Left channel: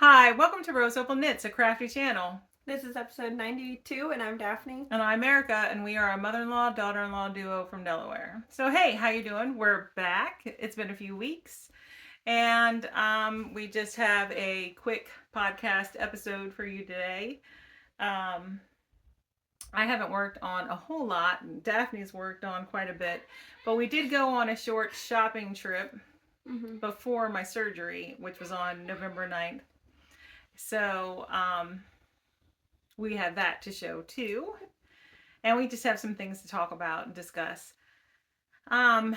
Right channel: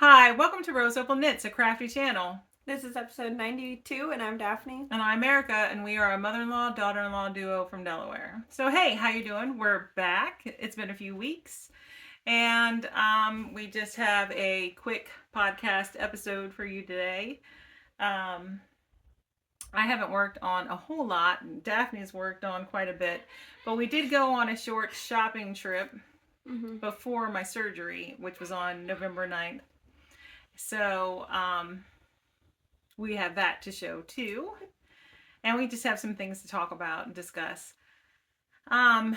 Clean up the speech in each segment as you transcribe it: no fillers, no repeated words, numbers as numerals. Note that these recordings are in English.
Hi, welcome to Rose Opal Knits, a crafty channel. This is episode 92, and I'm Daphne. And I'm Erica, and we are a mother-in-law, daughter-in-law duo from Delaware. So hey, how you doing? We're back. It's been a few weeks. And we just have a quick podcast episode for you today. I haven't worked on a whole lot. Daphne's worked on quite a bit. But we did go on a short shopping trip before my surgery, which was on November 9th. So we have that to show too. And we just have some things to talk about and discuss. I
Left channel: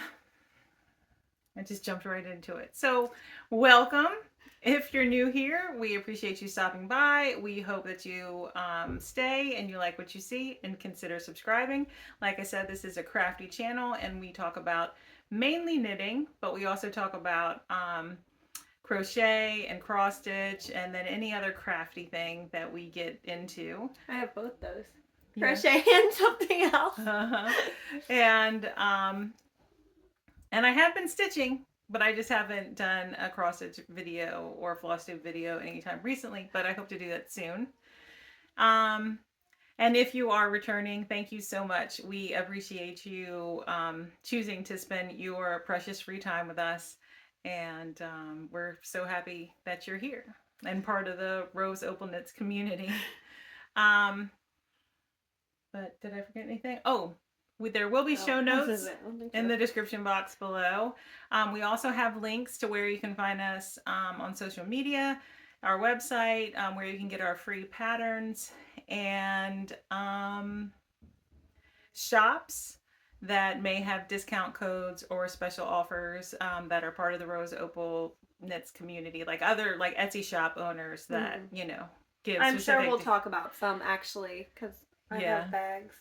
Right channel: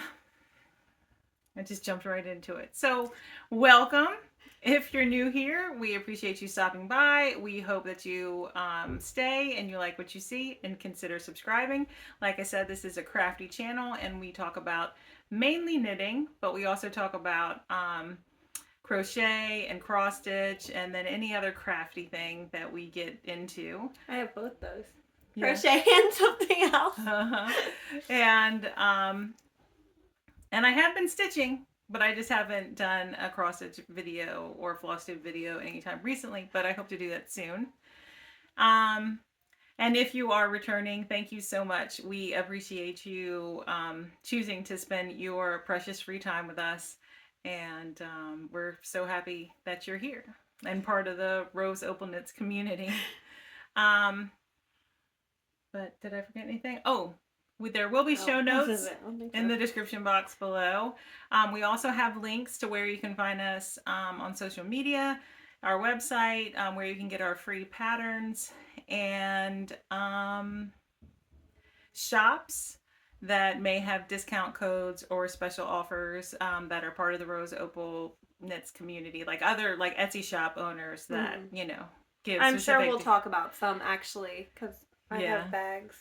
just jumped right into it. So welcome. If you're new here, we appreciate you stopping by. We hope that you stay and you like what you see and consider subscribing. Like I said, this is a crafty channel and we talk about mainly knitting, but we also talk about crochet and cross stitch and then any other crafty thing that we get into. I have both those. Yeah. Crochet and something else. And I have been stitching, but I just haven't done a cross stitch video or floss tube video anytime recently, but I hope to do that soon. And if you are returning, thank you so much. We appreciate you choosing to spend your precious free time with us. And we're so happy that you're here and part of the Rose Opal Knits community. But did I forget anything? Oh, there will be show notes in the description box below. We also have links to where you can find us on social media, our website, where you can get our free patterns, and shops that may have discount codes or special offers that are part of the Rose Opal Knits community, like other like Etsy shop owners that you know give. I'm sure we'll talk about some actually because I have bags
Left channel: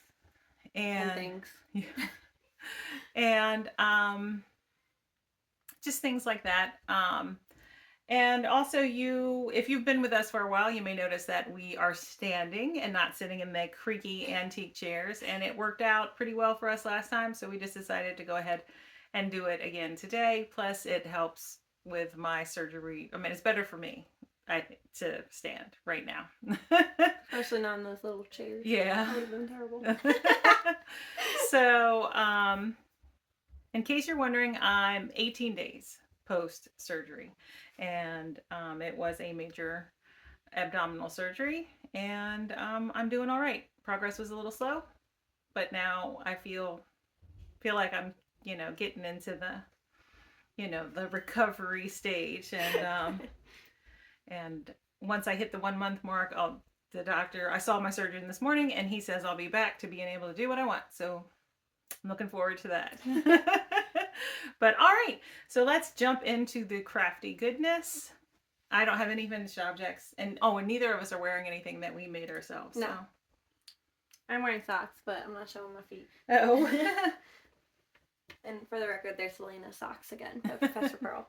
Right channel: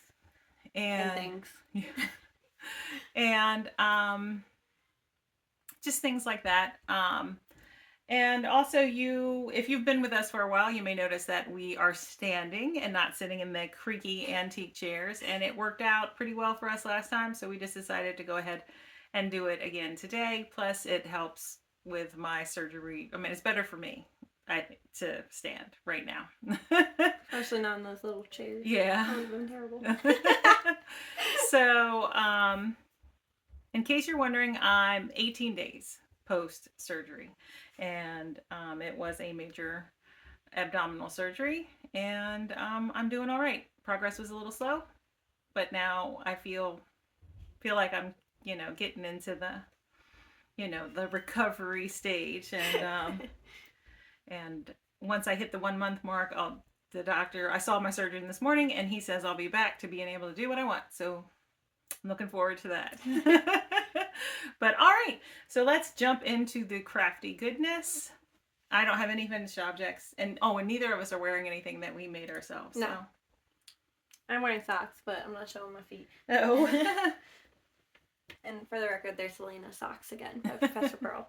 and things. Yeah. And just things like that. And also if you've been with us for a while, you may notice that we are standing and not sitting in the creaky antique chairs. And it worked out pretty well for us last time. So we just decided to go ahead and do it again today. Plus it helps with my surgery. I mean, it's better for me, I think, to stand right now. Especially not in those little chairs. Yeah. That would have been terrible. So, in case you're wondering, I'm 18 days post-surgery. And it was a major abdominal surgery. And I'm doing all right. Progress was a little slow. But now I feel like I'm, getting into the, the recovery stage. And and once I hit the 1 month mark, I saw my surgeon this morning and he says I'll be back to being able to do what I want. So I'm looking forward to that. But all right, so let's jump into the crafty goodness. I don't have any finished objects. And neither of us are wearing anything that we made ourselves. No. So. I'm wearing socks, but I'm not showing my feet. Oh. And for the record, there's Selena socks again by Professor Pearl.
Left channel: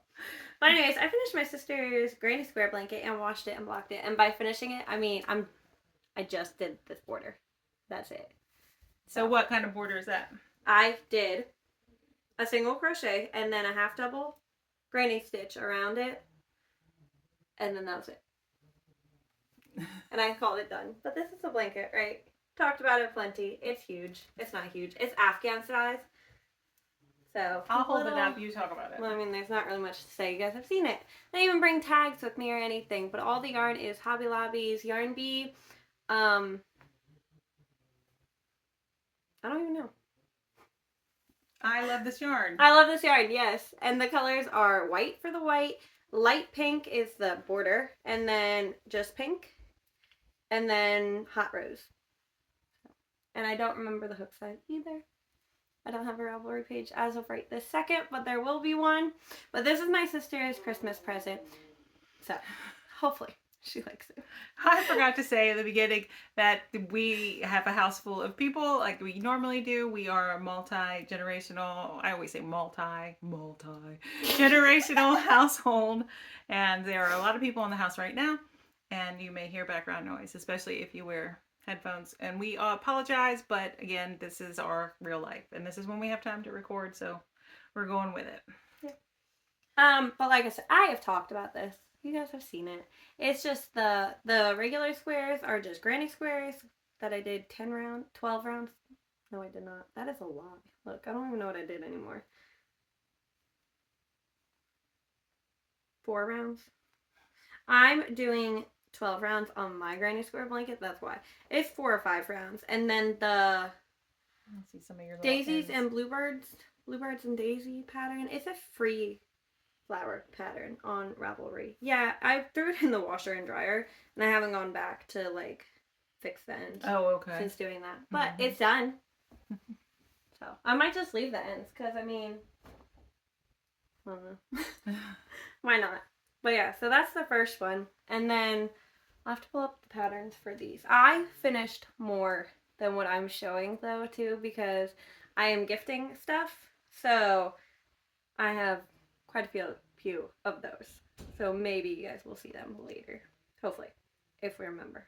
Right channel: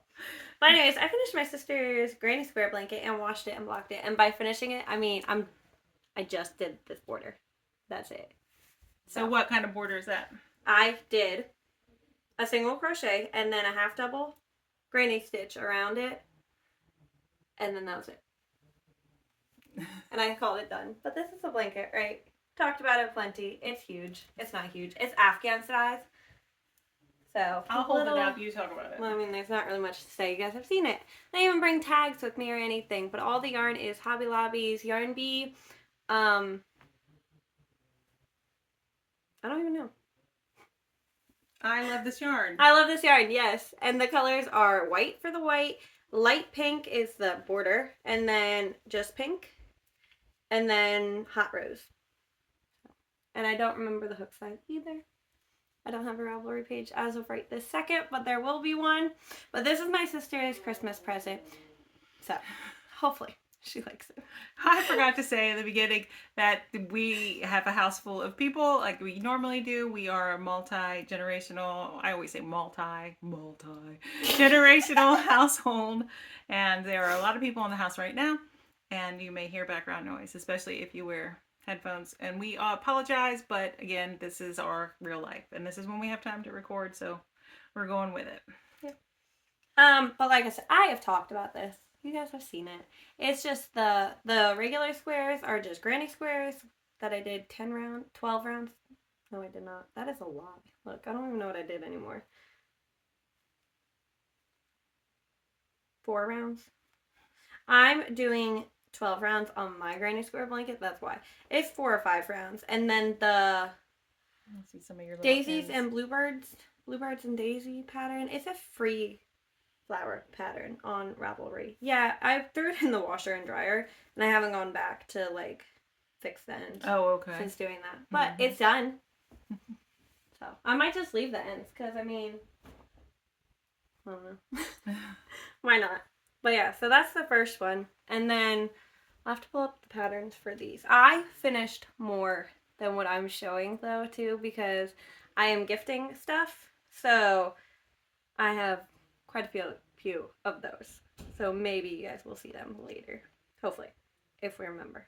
But anyways, I finished my sister's granny square blanket and washed it and blocked it. And by finishing it, I mean I just did this border. That's it. So what kind of border is that? I did a single crochet and then a half double granny stitch around it. And then that was it. And I called it done. But this is a blanket, right? Talked about it plenty. It's huge. It's not huge. It's Afghan size. So I'll hold it up. You talk about it. Well, I mean, there's not really much to say. You guys have seen it. I didn't even bring tags with me or anything. But all the yarn is Hobby Lobby's Yarn Bee. I don't even know. I love this yarn. I love this yarn, yes. And the colors are white for the white. Light pink is the border. And then just pink. And then hot rose. And I don't remember the hook size either. I don't have a Ravelry page as of right this second, but there will be one. But this is my sister's Christmas present. So, hopefully, she likes it. I forgot to say at the beginning that we have a house full of people like we normally do. We are a multi-generational, I always say multi-generational household. And there are a lot of people in the house right now. And you may hear background noise, especially if you wear headphones, and we apologize, but again, this is our real life and this is when we have time to record, so we're going with it. But like I said, I have talked about this You guys have seen it. It's just the regular squares are just granny squares that I did 12 rounds. No, I did not. That is a lot. Look, I don't even know what I did anymore. 4 rounds. I'm doing 12 rounds on my granny square blanket. That's why. It's 4 or 5 rounds. And then the Let's see some of your daisies ends. and bluebirds and daisy pattern. It's a free flower pattern on Ravelry. Yeah, I threw it in the washer and dryer, and I haven't gone back to like fix the ends. Oh, okay. Since doing that, but it's done. So I might just leave the ends because I mean, I don't know. Why not? But yeah, so that's the first one, and then I'll have to pull up the patterns for these. I finished more than what I'm showing though too because I am gifting stuff, so I have quite a few of those. So maybe you guys will see them later, hopefully, if we remember.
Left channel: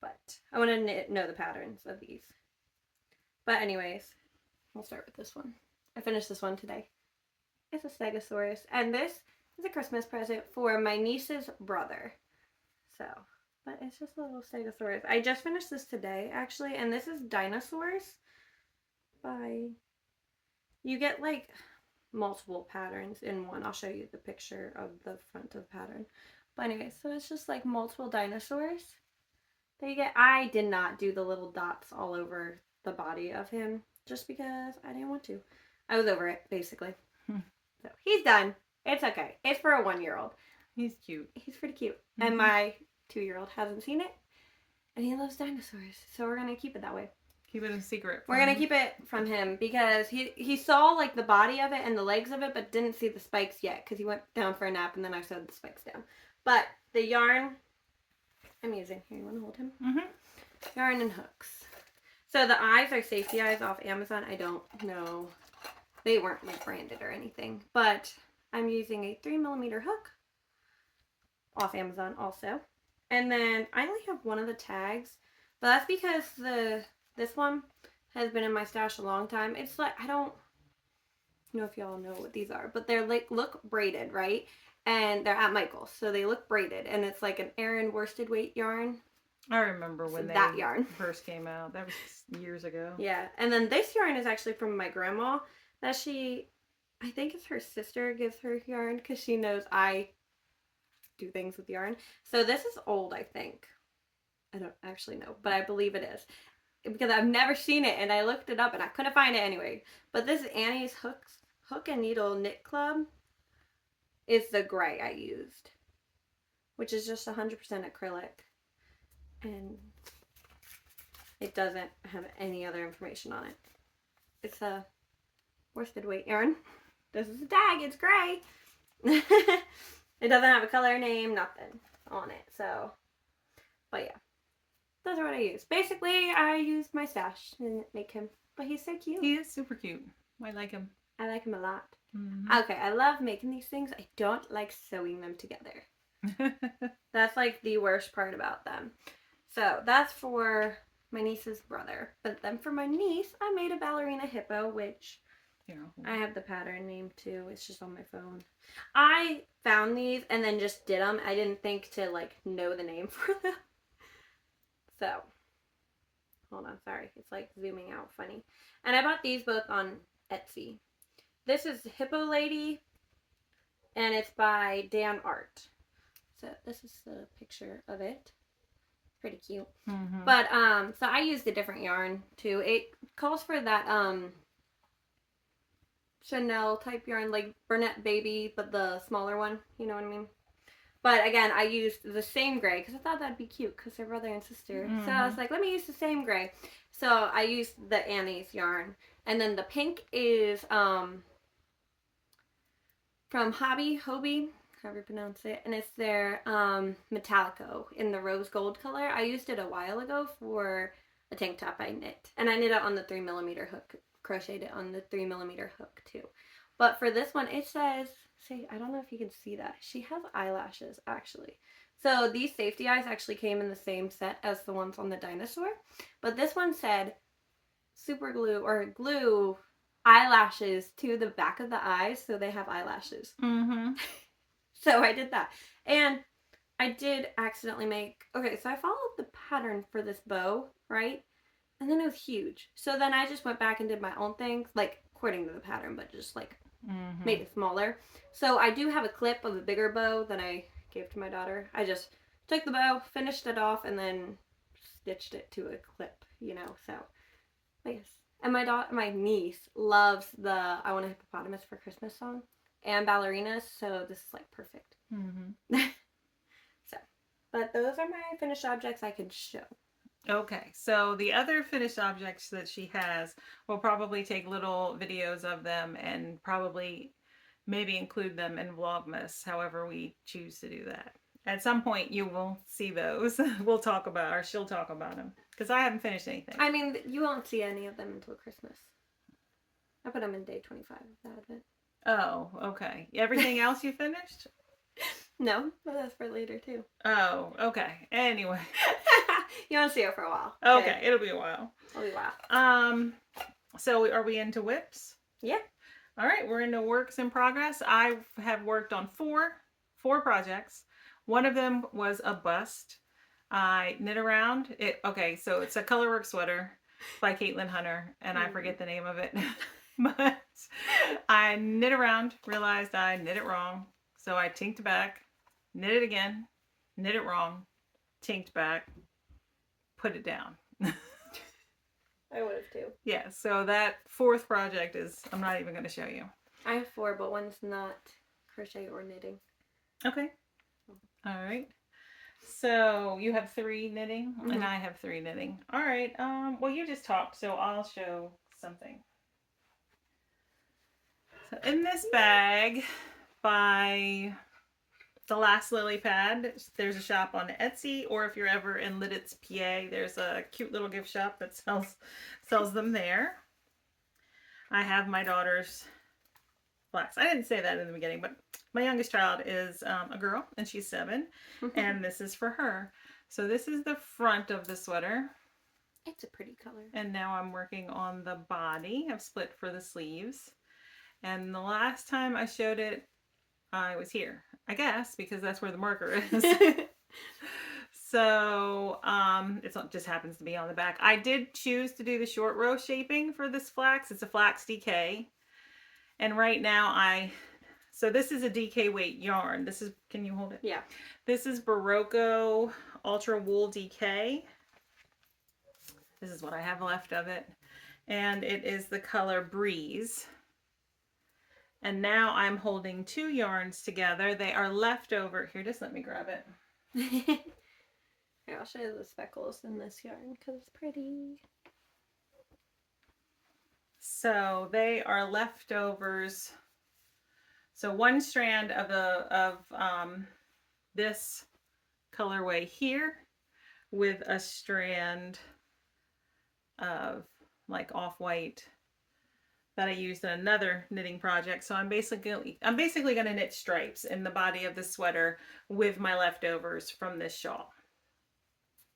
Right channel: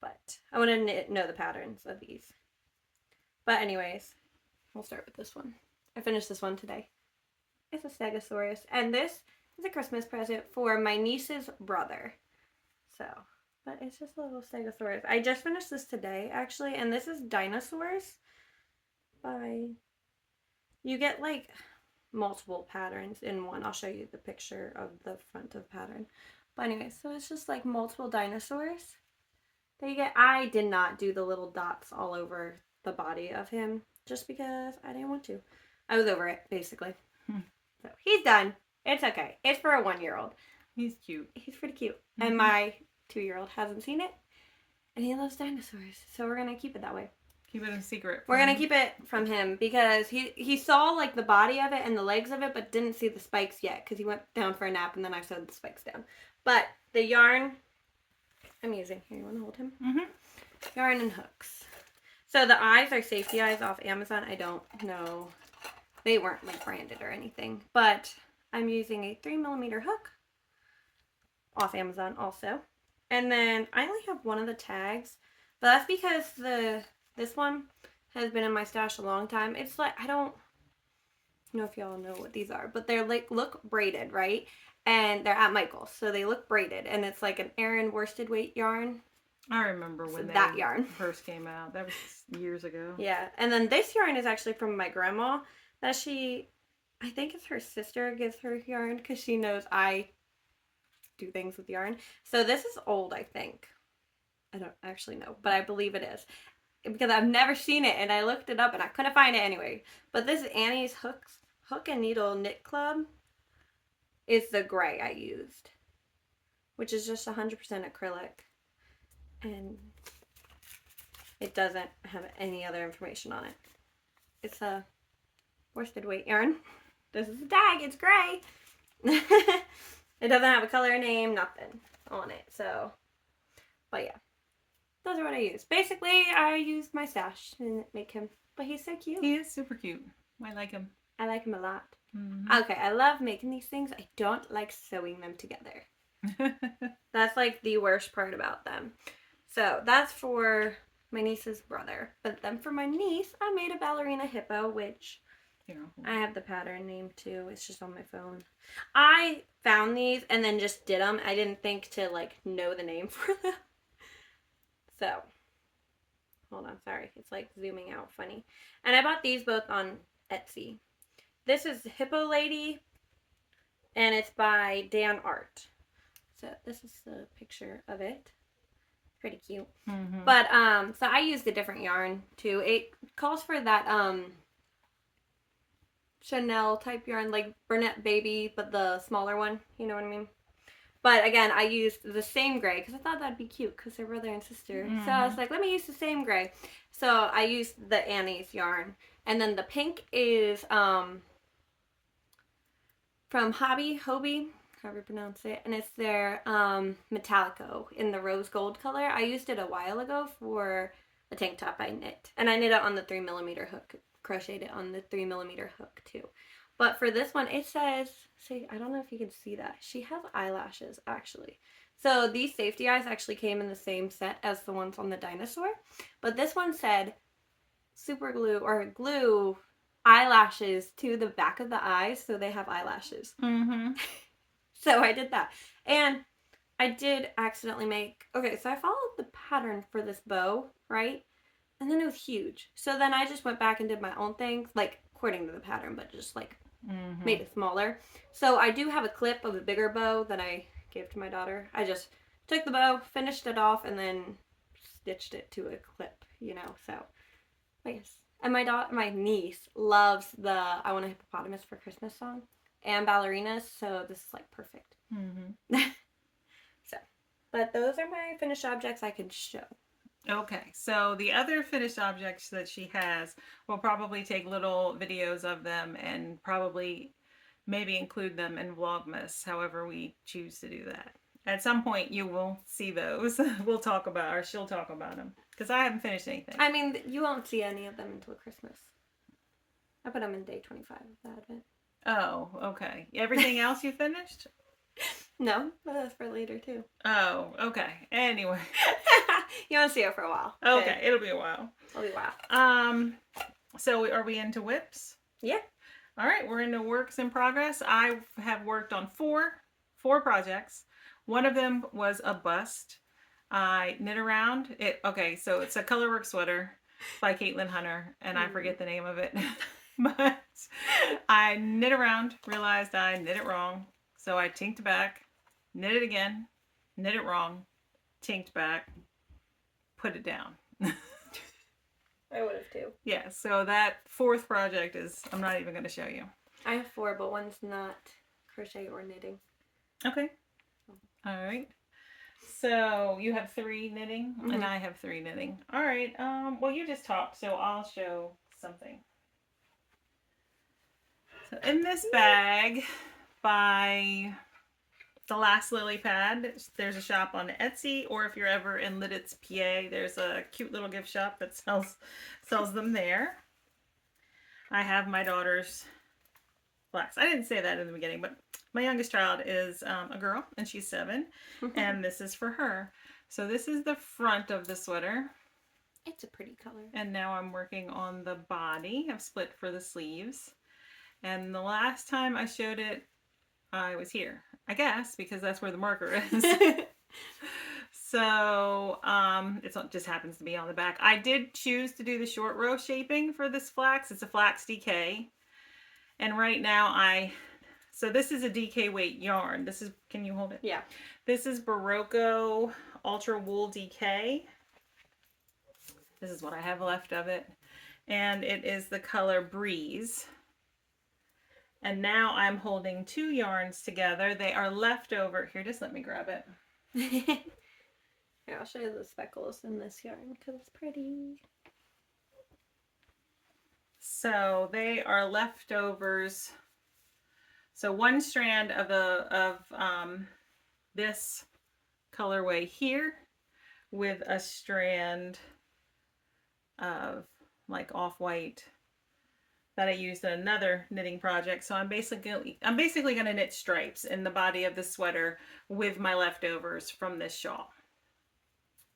But I want to know the patterns of these. But anyways, we'll start with this one. I finished this one today. It's a Stegosaurus, and this is a Christmas present for my niece's brother. So, but it's just a little Stegosaurus. I just finished this today, actually, and this is Dinosaurs by... You get, like, multiple patterns in one. I'll show you the picture of the front of the pattern. But anyway, so it's just, like, multiple dinosaurs that you get. I did not do the little dots all over the body of him just because I didn't want to. I was over it, basically. So he's done. It's okay. It's for a 1-year-old. He's cute. He's pretty cute. And my 2-year-old hasn't seen it. And he loves dinosaurs. So we're going to keep it that way. Keep it a secret. We're going to keep it from him because he saw like the body of it and the legs of it, but didn't see the spikes yet because he went down for a nap and then I sewed the spikes down. But the yarn I'm using, here, you want to hold him? Yarn and hooks. So the eyes are safety eyes off Amazon. I don't know. They weren't like branded or anything, but I'm using a 3mm hook off Amazon also. And then I only have one of the tags, but that's because this one has been in my stash a long time. It's like, I don't know if y'all know what these are, but they're like, look braided, right? And they're at Michael's, so they look braided, and it's like an Aran worsted weight yarn. I remember when that yarn first came out. That was years ago. Yeah, and then this yarn is actually from my grandma that I think it's her sister gives her yarn because she knows I do things with yarn. So this is old, I think. I don't actually know, but I believe it is because I've never seen it, and I looked it up and I couldn't find it anyway. But this is Annie's Hook and Needle Knit Club. Is the gray I used, which is just 100% acrylic, and it doesn't have any other information on it. It's a worsted weight yarn. This is a tag. It's gray. It doesn't have a color name, nothing on it. So, but yeah, those are what I use. Basically, I used my stash to make him, but he's so cute. He is super cute. I like him. I like him a lot. Okay, I love making these things. I don't like sewing them together. That's like the worst part about them. So that's for my niece's brother. But then for my niece, I made a ballerina hippo, which I have the pattern name too. It's just on my phone. I found these and then just did them. I didn't think to like know the name for them. So, hold on, sorry. It's like zooming out funny. And I bought these both on Etsy. This is Hippo Lady, and it's by Dan Art. So this is the picture of it. Pretty cute. But so I used a different yarn too. It calls for that Chanel type yarn, like Burnett Baby, but the smaller one. You know what I mean? But again, I used the same gray because I thought that'd be cute because they're brother and sister. So I was like, let me use the same gray. So I used the Annie's yarn, and then the pink is from Hobby, however you pronounce it, and it's their Metallico in the rose gold color. I used it a while ago for a tank top I knit, and I knit it on the 3mm hook, crocheted it on the 3mm hook too. But for this one, it says, see, I don't know if you can see that. She has eyelashes actually. So these safety eyes actually came in the same set as the ones on the dinosaur, but this one said super glue or glue eyelashes to the back of the eyes so they have eyelashes. So I did that. And I did accidentally make, okay, so I followed the pattern for this bow, right? And then it was huge. So then I just went back and did my own things, like according to the pattern, but just like made it smaller. So I do have a clip of a bigger bow that I gave to my daughter. I just took the bow, finished it off, and then stitched it to a clip, you know, so yes. And my niece loves the I Want a Hippopotamus for Christmas song and ballerinas, so this is like perfect. So, but those are my finished objects I can show. Okay, so the other finished objects that she has, we'll probably take little videos of them and probably maybe include them in Vlogmas, however we choose to do that. At some point you will see those. We'll talk about, or she'll talk about them, because I haven't finished anything. I mean, you won't see any of them until Christmas. I put them in day 25 of that event. Oh, okay. Everything else you finished? No, but that's for later too. Oh, okay. Anyway. You won't see it for a while. Okay, it'll be a while. It'll be a while. So are we into whips? Yeah. All right, we're into works in progress. I have worked on four projects. One of them was a bust. I knit around it. Okay, so it's a colorwork sweater by Caitlin Hunter, and I forget the name of it. But I knit around, realized I knit it wrong. So I tinked back, knit it again, knit it wrong, tinked back, put it down. I would have too. Yeah, so that fourth project is, I'm not even going to show you. I have 4, but one's not crochet or knitting. Okay. All right. So you have 3 knitting, and I have 3 knitting. All right. Well, you just talked, so I'll show something. So in this bag by The Last Lily Pad, there's a shop on Etsy, or if you're ever in Lidditz, PA, there's a cute little gift shop that sells them there. I have my daughter's flax. I didn't say that in the beginning, but my youngest child is a girl, and she's 7, and this is for her. So this is the front of the sweater. It's a pretty color. And now I'm working on the body. I've split for the sleeves. And the last time I showed it, I was here, I guess, because that's where the marker is. So it just happens to be on the back. I did choose to do the short row shaping for this flax. It's a flax DK. And right now so this is a DK weight yarn. This is, can you hold it? Yeah. This is Barocco Ultra Wool DK. This is what I have left of it. And it is the color Breeze. And now I'm holding 2 yarns together. They are left over. Here, just let me grab it. Here, I'll show you the speckles in this yarn because it's pretty. So they are leftovers. So 1 strand of this colorway here with a strand of like off-white that I used in another knitting project. So I'm basically going to knit stripes in the body of the sweater with my leftovers from this shawl.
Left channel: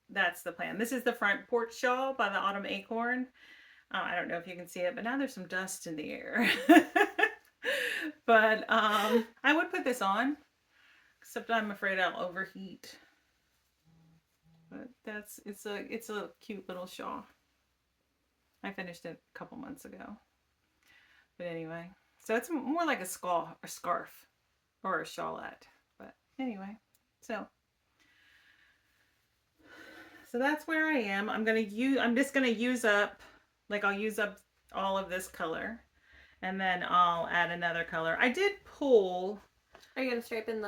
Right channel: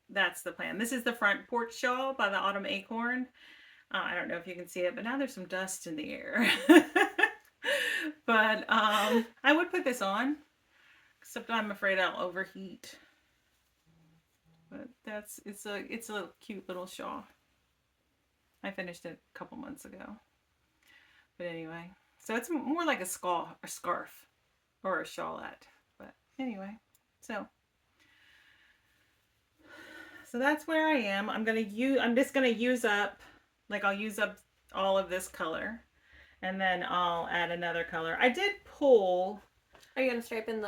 That's the plan. This is the front porch shawl by the Autumn Acorn. I don't know if you can see it, but now there's some dust in the air. But I would put this on, except I'm afraid I'll overheat. But it's a cute little shawl. I finished it a couple months ago. But anyway, so it's more like a scarf or a shawlette. But anyway, so that's where I am. I'm just gonna use up, like I'll use up all of this color, and then I'll add another color. I did pull. Are you gonna stripe in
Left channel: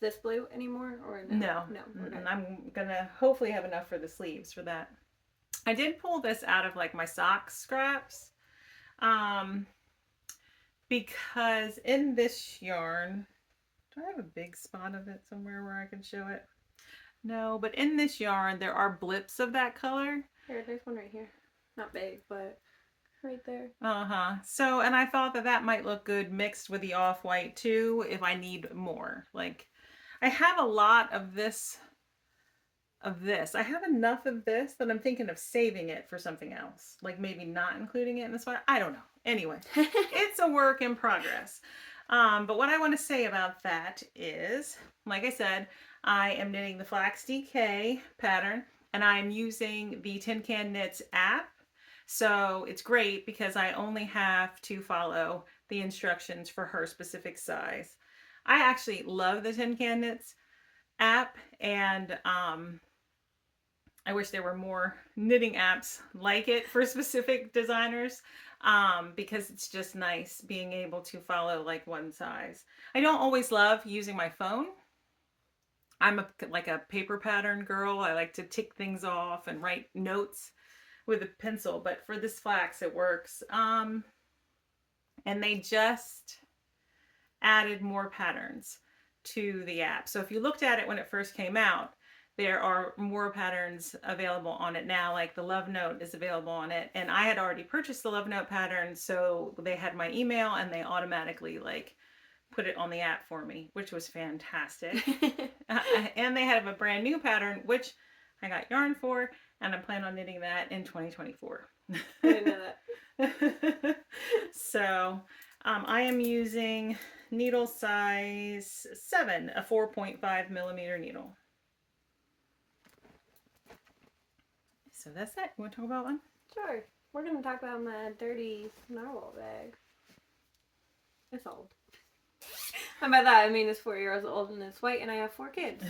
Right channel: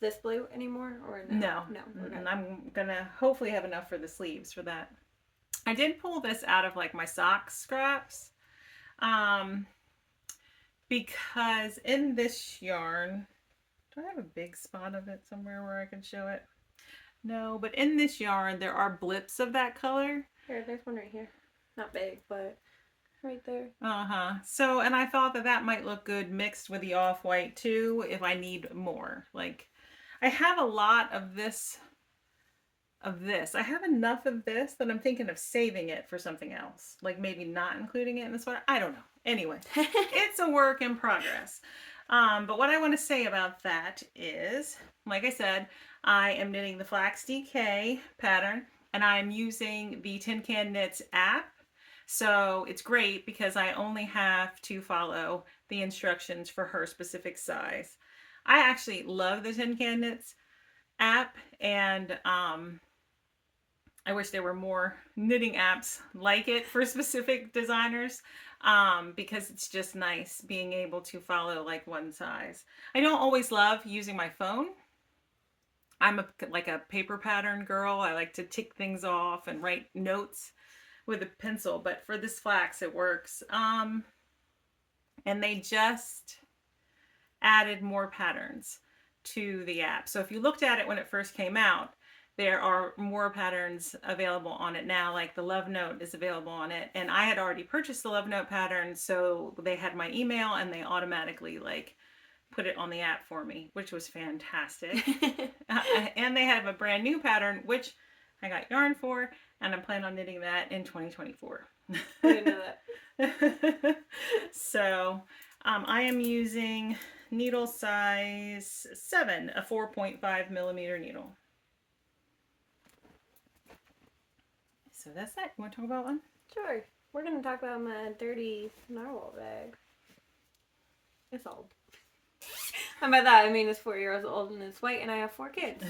this blue anymore, or no? No. Okay. And I'm gonna hopefully have enough for the sleeves for that. I did pull this out of like my sock scraps, because in this yarn, do I have a big spot of it somewhere where I can show it? No, but in this yarn there are blips of that color. Here, there's one right here. Not big, but right there. So, and I thought that might look good mixed with the off-white too if I need more. Like, I have a lot of this. I have enough of this that I'm thinking of saving it for something else. Like maybe not including it in the sweater. I don't know. Anyway, it's a work in progress. But what I want to say about that is, like I said, I am knitting the Flax DK pattern, and I'm using the Tin Can Knits app. So it's great because I only have to follow the instructions for her specific size. I actually love the Tin Can Knits app, and I wish there were more knitting apps like it for specific designers, because it's just nice being able to follow like one size. I don't always love using my phone. I'm like a paper pattern girl. I like to tick things off and write notes with a pencil, but for this flax it works. And they just added more patterns to the app. So if you looked at it when it first came out, there are more patterns available on it now, like the Love Note is available on it. And I had already purchased the Love Note pattern, so they had my email and they automatically like put it on the app for me, which was fantastic. And they have a brand new pattern, which I got yarn for, and I'm planning on knitting that in 2024. I didn't know that. So I am using needle size 7, a 4.5 millimeter needle. So that's that. You want to talk about one? Sure. We're going to talk about my dirty narwhal bag. It's old. And by that I mean it's 4 years old and it's white and I have 4 kids.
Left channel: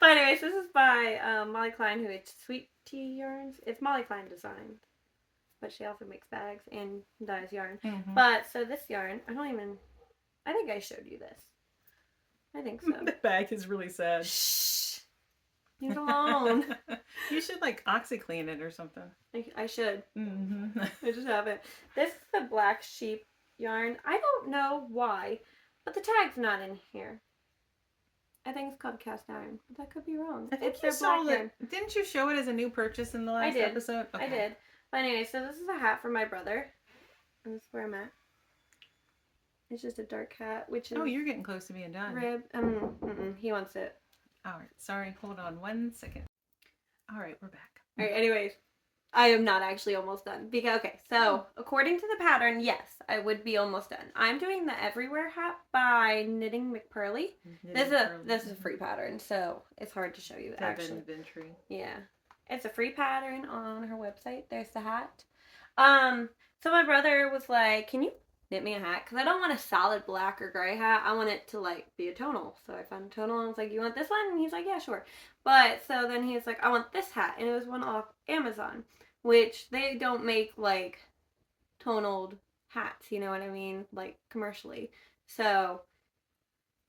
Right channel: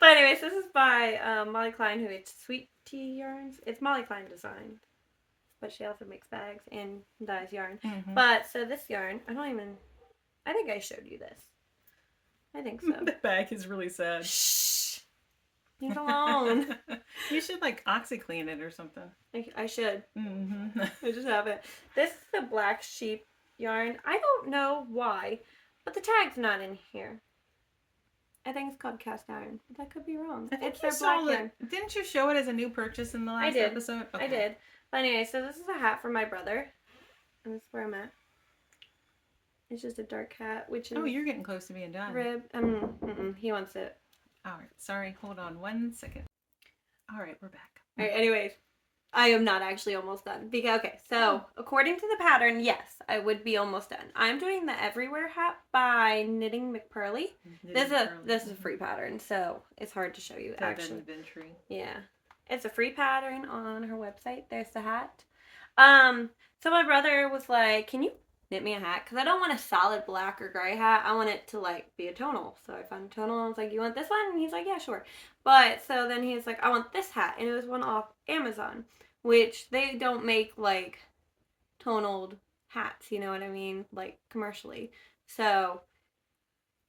But anyways, this is by Molly Klein, who it's Sweet Tea Yarns. It's Molly Klein design, but she also makes bags and dyes yarn. Mm-hmm. But so this yarn, I think I showed you this. I think so. The bag is really sad. Shh. Leave it alone. You should like OxyClean it or something. I should. Mm-hmm. I just haven't. This is the Black Sheep yarn. I don't know why, but the tag's not in here. I think it's called cast iron, but that could be wrong. I think it's you their saw black it. Didn't you show it as a new purchase in the last did. episode? Okay. I did. But anyway, so this is a hat for my brother. And this is where I'm at. It's just a dark hat, which is... Oh, you're getting close to being done. Rib. He wants it. All right. Sorry. Hold on 1 second. All right. We're back. All right, anyways. I am not actually almost done. Because, okay, so according to the pattern, yes, I would be almost done. I'm doing the Everywhere hat by Knitting McPurley. This is a free pattern, so it's hard to show you actually. Inventory. Yeah, it's a free pattern on her website. There's the hat. So my brother was like, "Can you knit me a hat? Because I don't want a solid black or gray hat. I want it to like be a tonal." So I found a tonal and I was like, "You want this one?" And he's like, "Yeah, sure." But so then he was like, "I want this hat," and it was one off Amazon, which they don't make like tonaled hats, you know what I mean, like commercially. So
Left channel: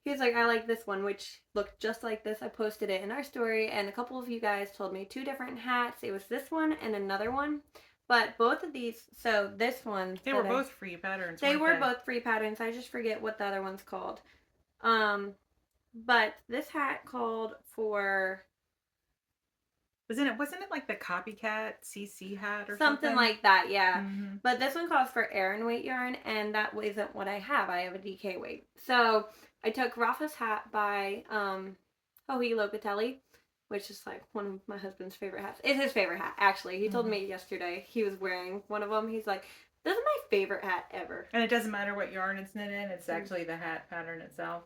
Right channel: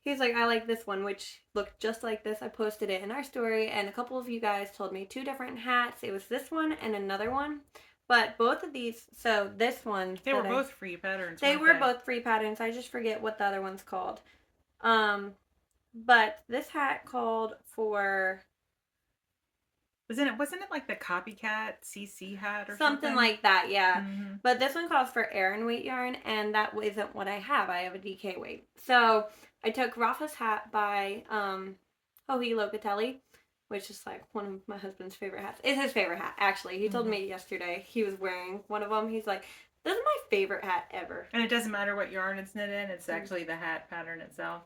he's like, "I like this one," which looked just like this. I posted it in our story, and a couple of you guys told me 2 different hats. It was this one and another one. But both of these, so this one... They were both free patterns. They were both free patterns. I just forget what the other one's called. But this hat called for... Wasn't it like the copycat CC hat or something like that, yeah. Mm-hmm. But this one calls for Aran weight yarn, and that isn't what I have. I have a DK weight. So I took Rafa's hat by Hohi Locatelli, which is like one of my husband's favorite hats. It's his favorite hat, actually. He told me yesterday he was wearing one of them. He's like, "This is my favorite hat ever." And it doesn't matter what yarn it's knit in. It's actually the hat pattern itself.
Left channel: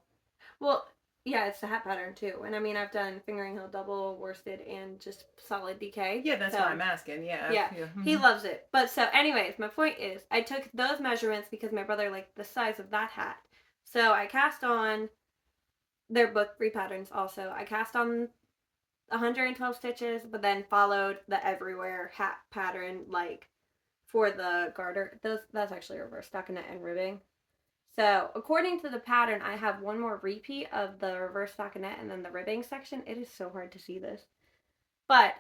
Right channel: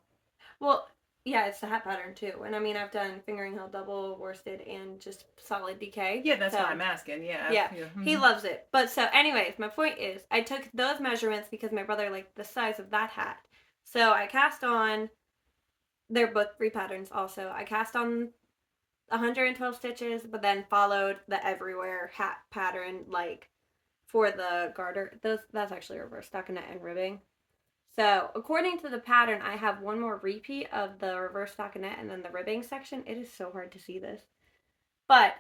Well, yeah, it's the hat pattern too. And I mean, I've done fingering hill double, worsted, and just solid DK. Yeah, that's why I'm asking. Yeah. Yeah. He loves it. But so anyways, my point is I took those measurements because my brother liked the size of that hat. So I cast on, they're both free patterns also. I cast on 112 stitches, but then followed the Everywhere hat pattern like for the garter. That's actually reverse stockinette and ribbing. So, according to the pattern, I have one more repeat of the reverse stockinette and then the ribbing section. It is so hard to see this. But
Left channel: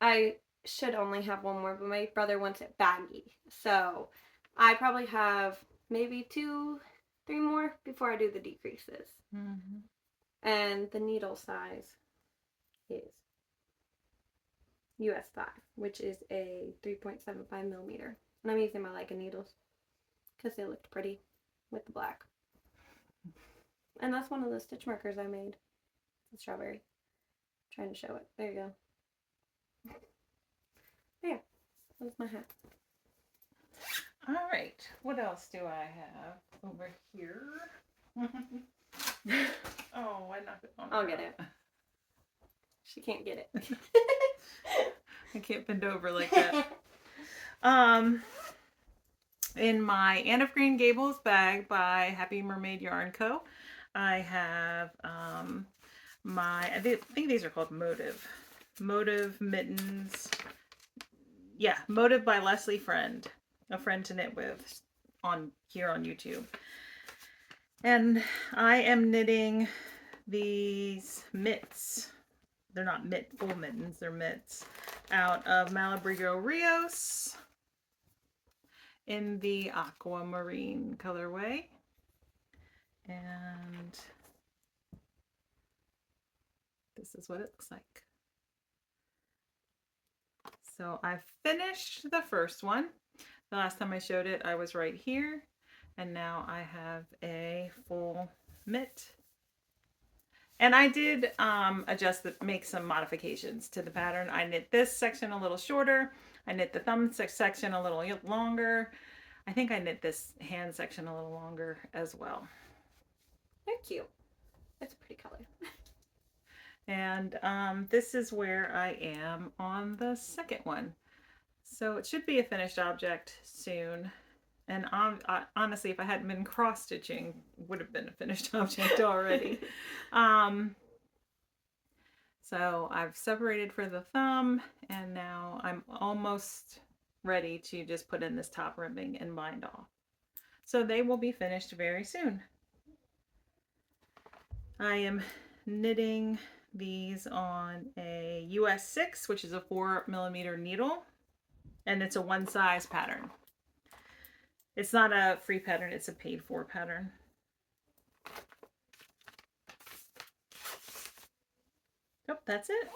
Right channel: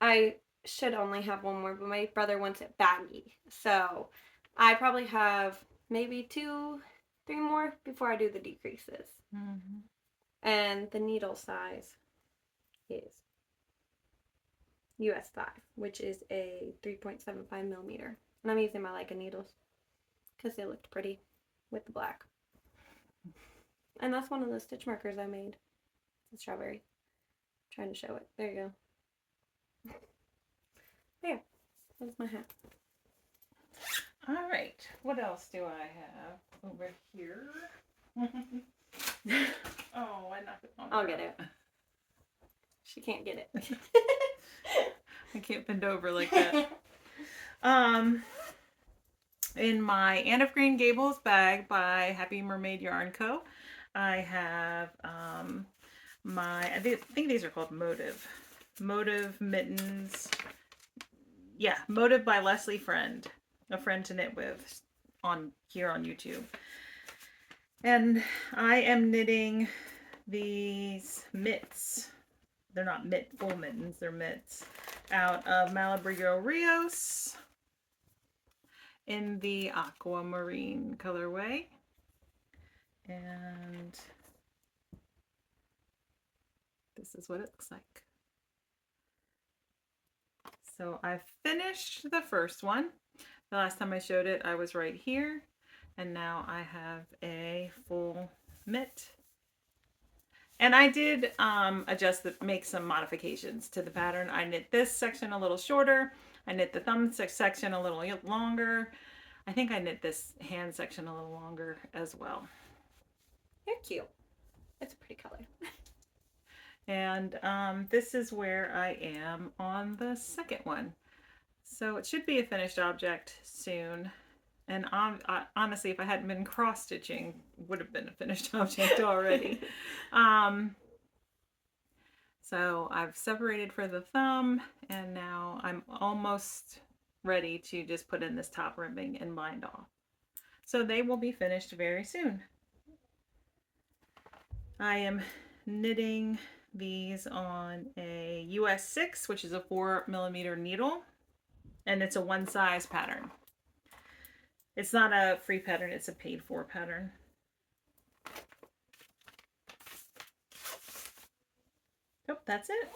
I should only have one more, but my brother wants it baggy. So, I probably have maybe 2, 3 more before I do the decreases. Mm-hmm. And the needle size is US 5, which is a 3.75 millimeter. And I'm using my Leica needles because they looked pretty with the black. And that's one of the stitch markers I made. The strawberry. I'm trying to show it. There you go. There. That's my hat. All right, what else do I have over here? Oh, I knocked it on. I'll get it. She can't get it. I can't bend over like that. In my Anne of Green Gables bag by Happy Mermaid Yarn Co., I have I think these are called Motive mittens. Yeah, Motive by Leslie Friend, a friend to knit with here on YouTube. And I am knitting these mitts. They're not full mittens, they're mitts out of Malabrigo Rios in the aquamarine colorway. And this is what it looks like. So I finished the first one. The last time I showed it, I was right here. And now I have a full mitt. And I did make some modifications to the pattern. I knit this section a little shorter. I knit the thumb section a little longer. I think I knit this hand section a little longer as well. They're cute. It's a pretty color. And this is where I am on the second one. So it should be a finished object soon. And honestly, if I hadn't been cross stitching, it would have been a finished object already. So I've separated for the thumb, and now I'm almost ready to just put in this top ribbing and bind off. So they will be finished very soon. I am knitting these on a US 6, which is a 4mm needle, and it's a one size pattern. It's not a free pattern, it's a paid for pattern. Oh, that's it.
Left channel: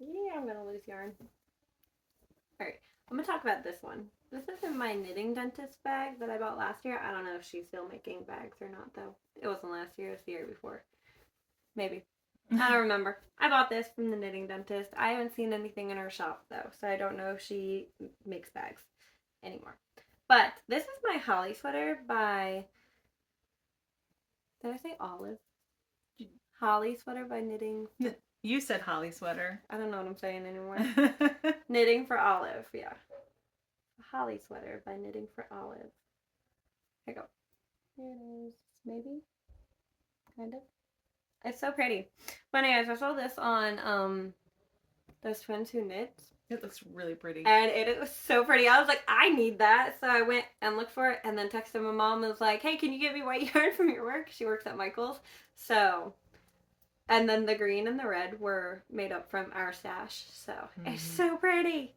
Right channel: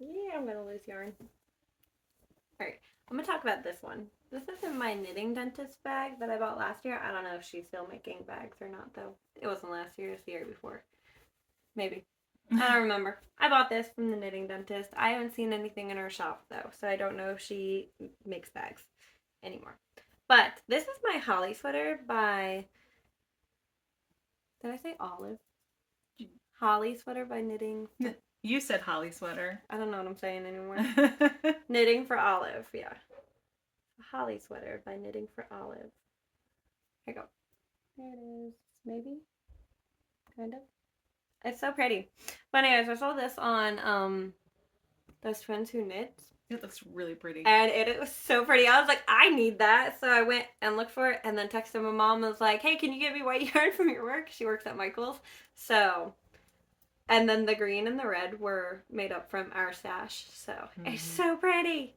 Yeah, I'm gonna lose yarn. Alright, I'm gonna talk about this one. This is in my knitting dentist bag that I bought last year. I don't know if she's still making bags or not, though. It wasn't last year, it was the year before. Maybe. I don't remember. I bought this from the knitting dentist. I haven't seen anything in her shop, though, so I don't know if she makes bags anymore. But this is my holly sweater by... Did I say Olive? Holly sweater by Knitting. You said holly sweater. I don't know what I'm saying anymore. Knitting for Olive, yeah. Holly sweater by Knitting for Olive. Here you go. Here it is. Maybe? Kind of. It's so pretty. But anyways, I saw this on Those Friends Who Knit. It looks really pretty. And it was so pretty. I was like, I need that. So I went and looked for it and then texted my mom and was like, hey, can you get me white yarn from your work? She works at Michael's. So... And then the green and the red were made up from our stash. So it's so pretty.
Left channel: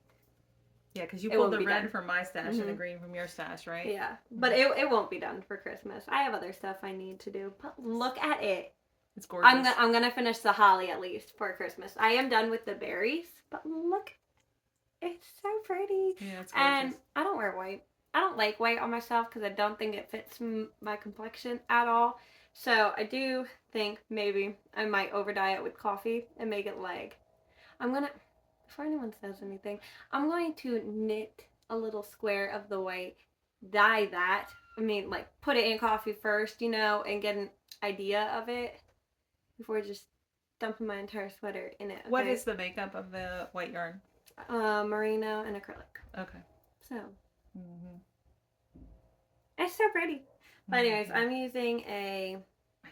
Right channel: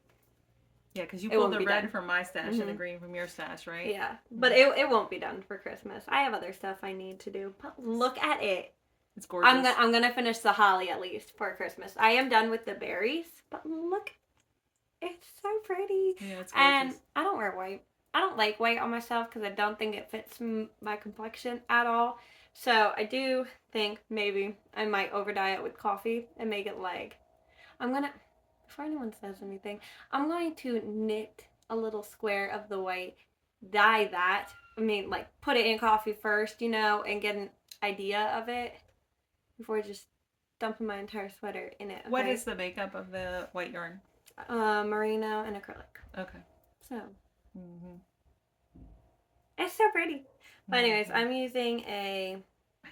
Yeah, because you pulled the red from my stash and the green from your stash, right? Yeah, but it won't be done for Christmas. I have other stuff I need to do. But look at it. It's gorgeous. I'm gonna finish the holly at least for Christmas. I am done with the berries, but look, it's so pretty. Yeah, it's gorgeous. And I don't wear white. I don't like white on myself because I don't think it fits my complexion at all. So I do think maybe I might over dye it with coffee and make it leg. I'm gonna, before anyone says anything, I'm going to knit a little square of the white, dye that. I mean, like, put it in coffee first, you know, and get an idea of it before just dumping my entire sweater in it. Okay? What is the makeup of the white yarn? Merino and acrylic. Okay. So. It's so pretty. But anyways, I'm using a... I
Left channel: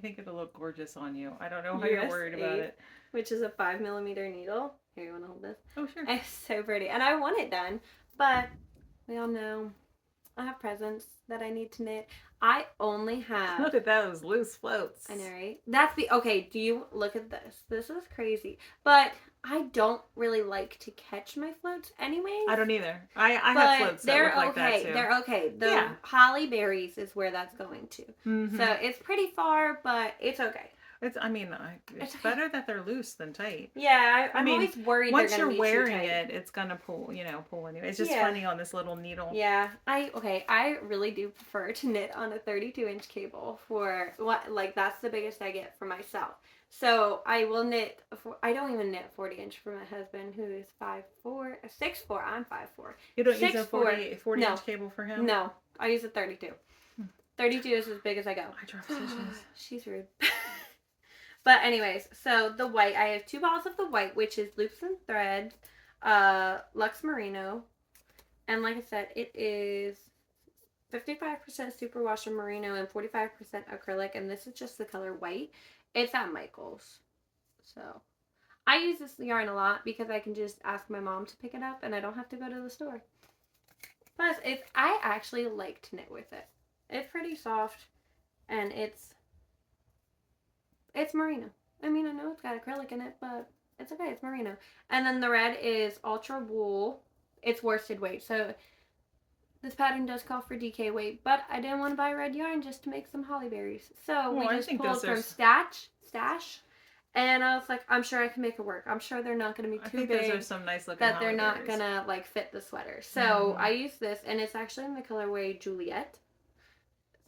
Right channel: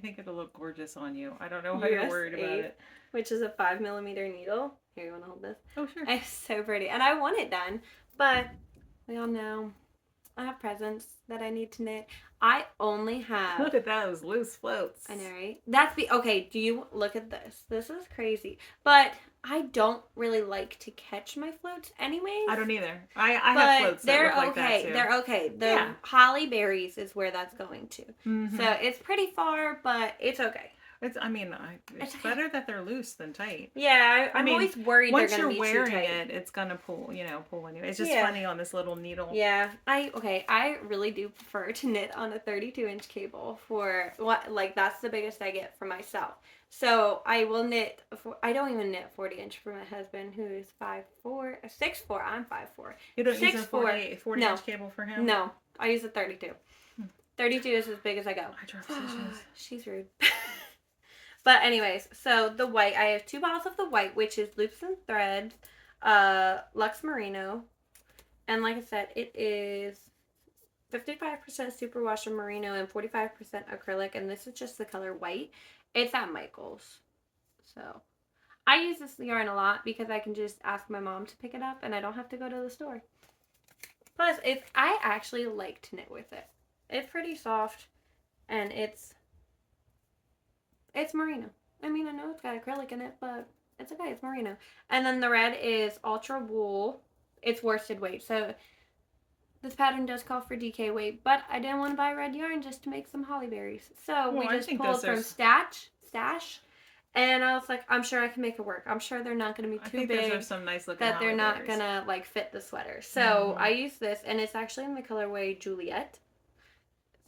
think it'll look gorgeous on you. I don't know how you're worried about it. Which is a 5mm needle. Here, you want to hold this? Oh, sure. It's so pretty. And I want it done. But we all know I have presents that I need to knit. I only have... Look at those loose floats. I know, right? Okay, do you... Look at this. This is crazy. But... I don't really like to catch my floats anyways. I don't either. I have floats that look like that too. They're okay. The holly berries is where that's going to. So it's pretty far, but it's okay. It's better that they're loose than tight. Yeah, I'm always worried once they're going to be you're too wearing tight. it's going to pull anyway. It's just funny on this little needle. Yeah, I really do prefer to knit on a 32-inch cable for what, like, that's the biggest I get for myself. So I will knit. I don't even knit 40-inch for my husband, who is 5'4", 6'4". I'm 5'4". You don't use a 6'4". 40 No. inch cable for him? No, I use a 32. 32 is as big as I go. I drop stitches. She's rude. But anyways, so the white, I have 2 bottles of the white, which is Loops and Threads, Lux Merino. And like I said, it is 55% superwash merino and 45% acrylic. And this is just the color white. It's at Michael's. So I use this yarn a lot because I can just ask my mom to pick it up and I don't have to go to the store. Plus, I actually like to knit with it. It's pretty soft and it's merino. I mean, I know it's got acrylic in it, but it's okay. It's merino. And then the red is ultra wool. It's worsted weight. So this pattern does call for DK weight, but I didn't want to buy red yarn just to make some holly berries. So we just pulled from Stash. And I was like, I'm sure I can make it work. I'm sure they're not going to be too big. Those are some nice looking that they're not going to like fit the sweater. So I use this, and it's actually in the colorway Juliet.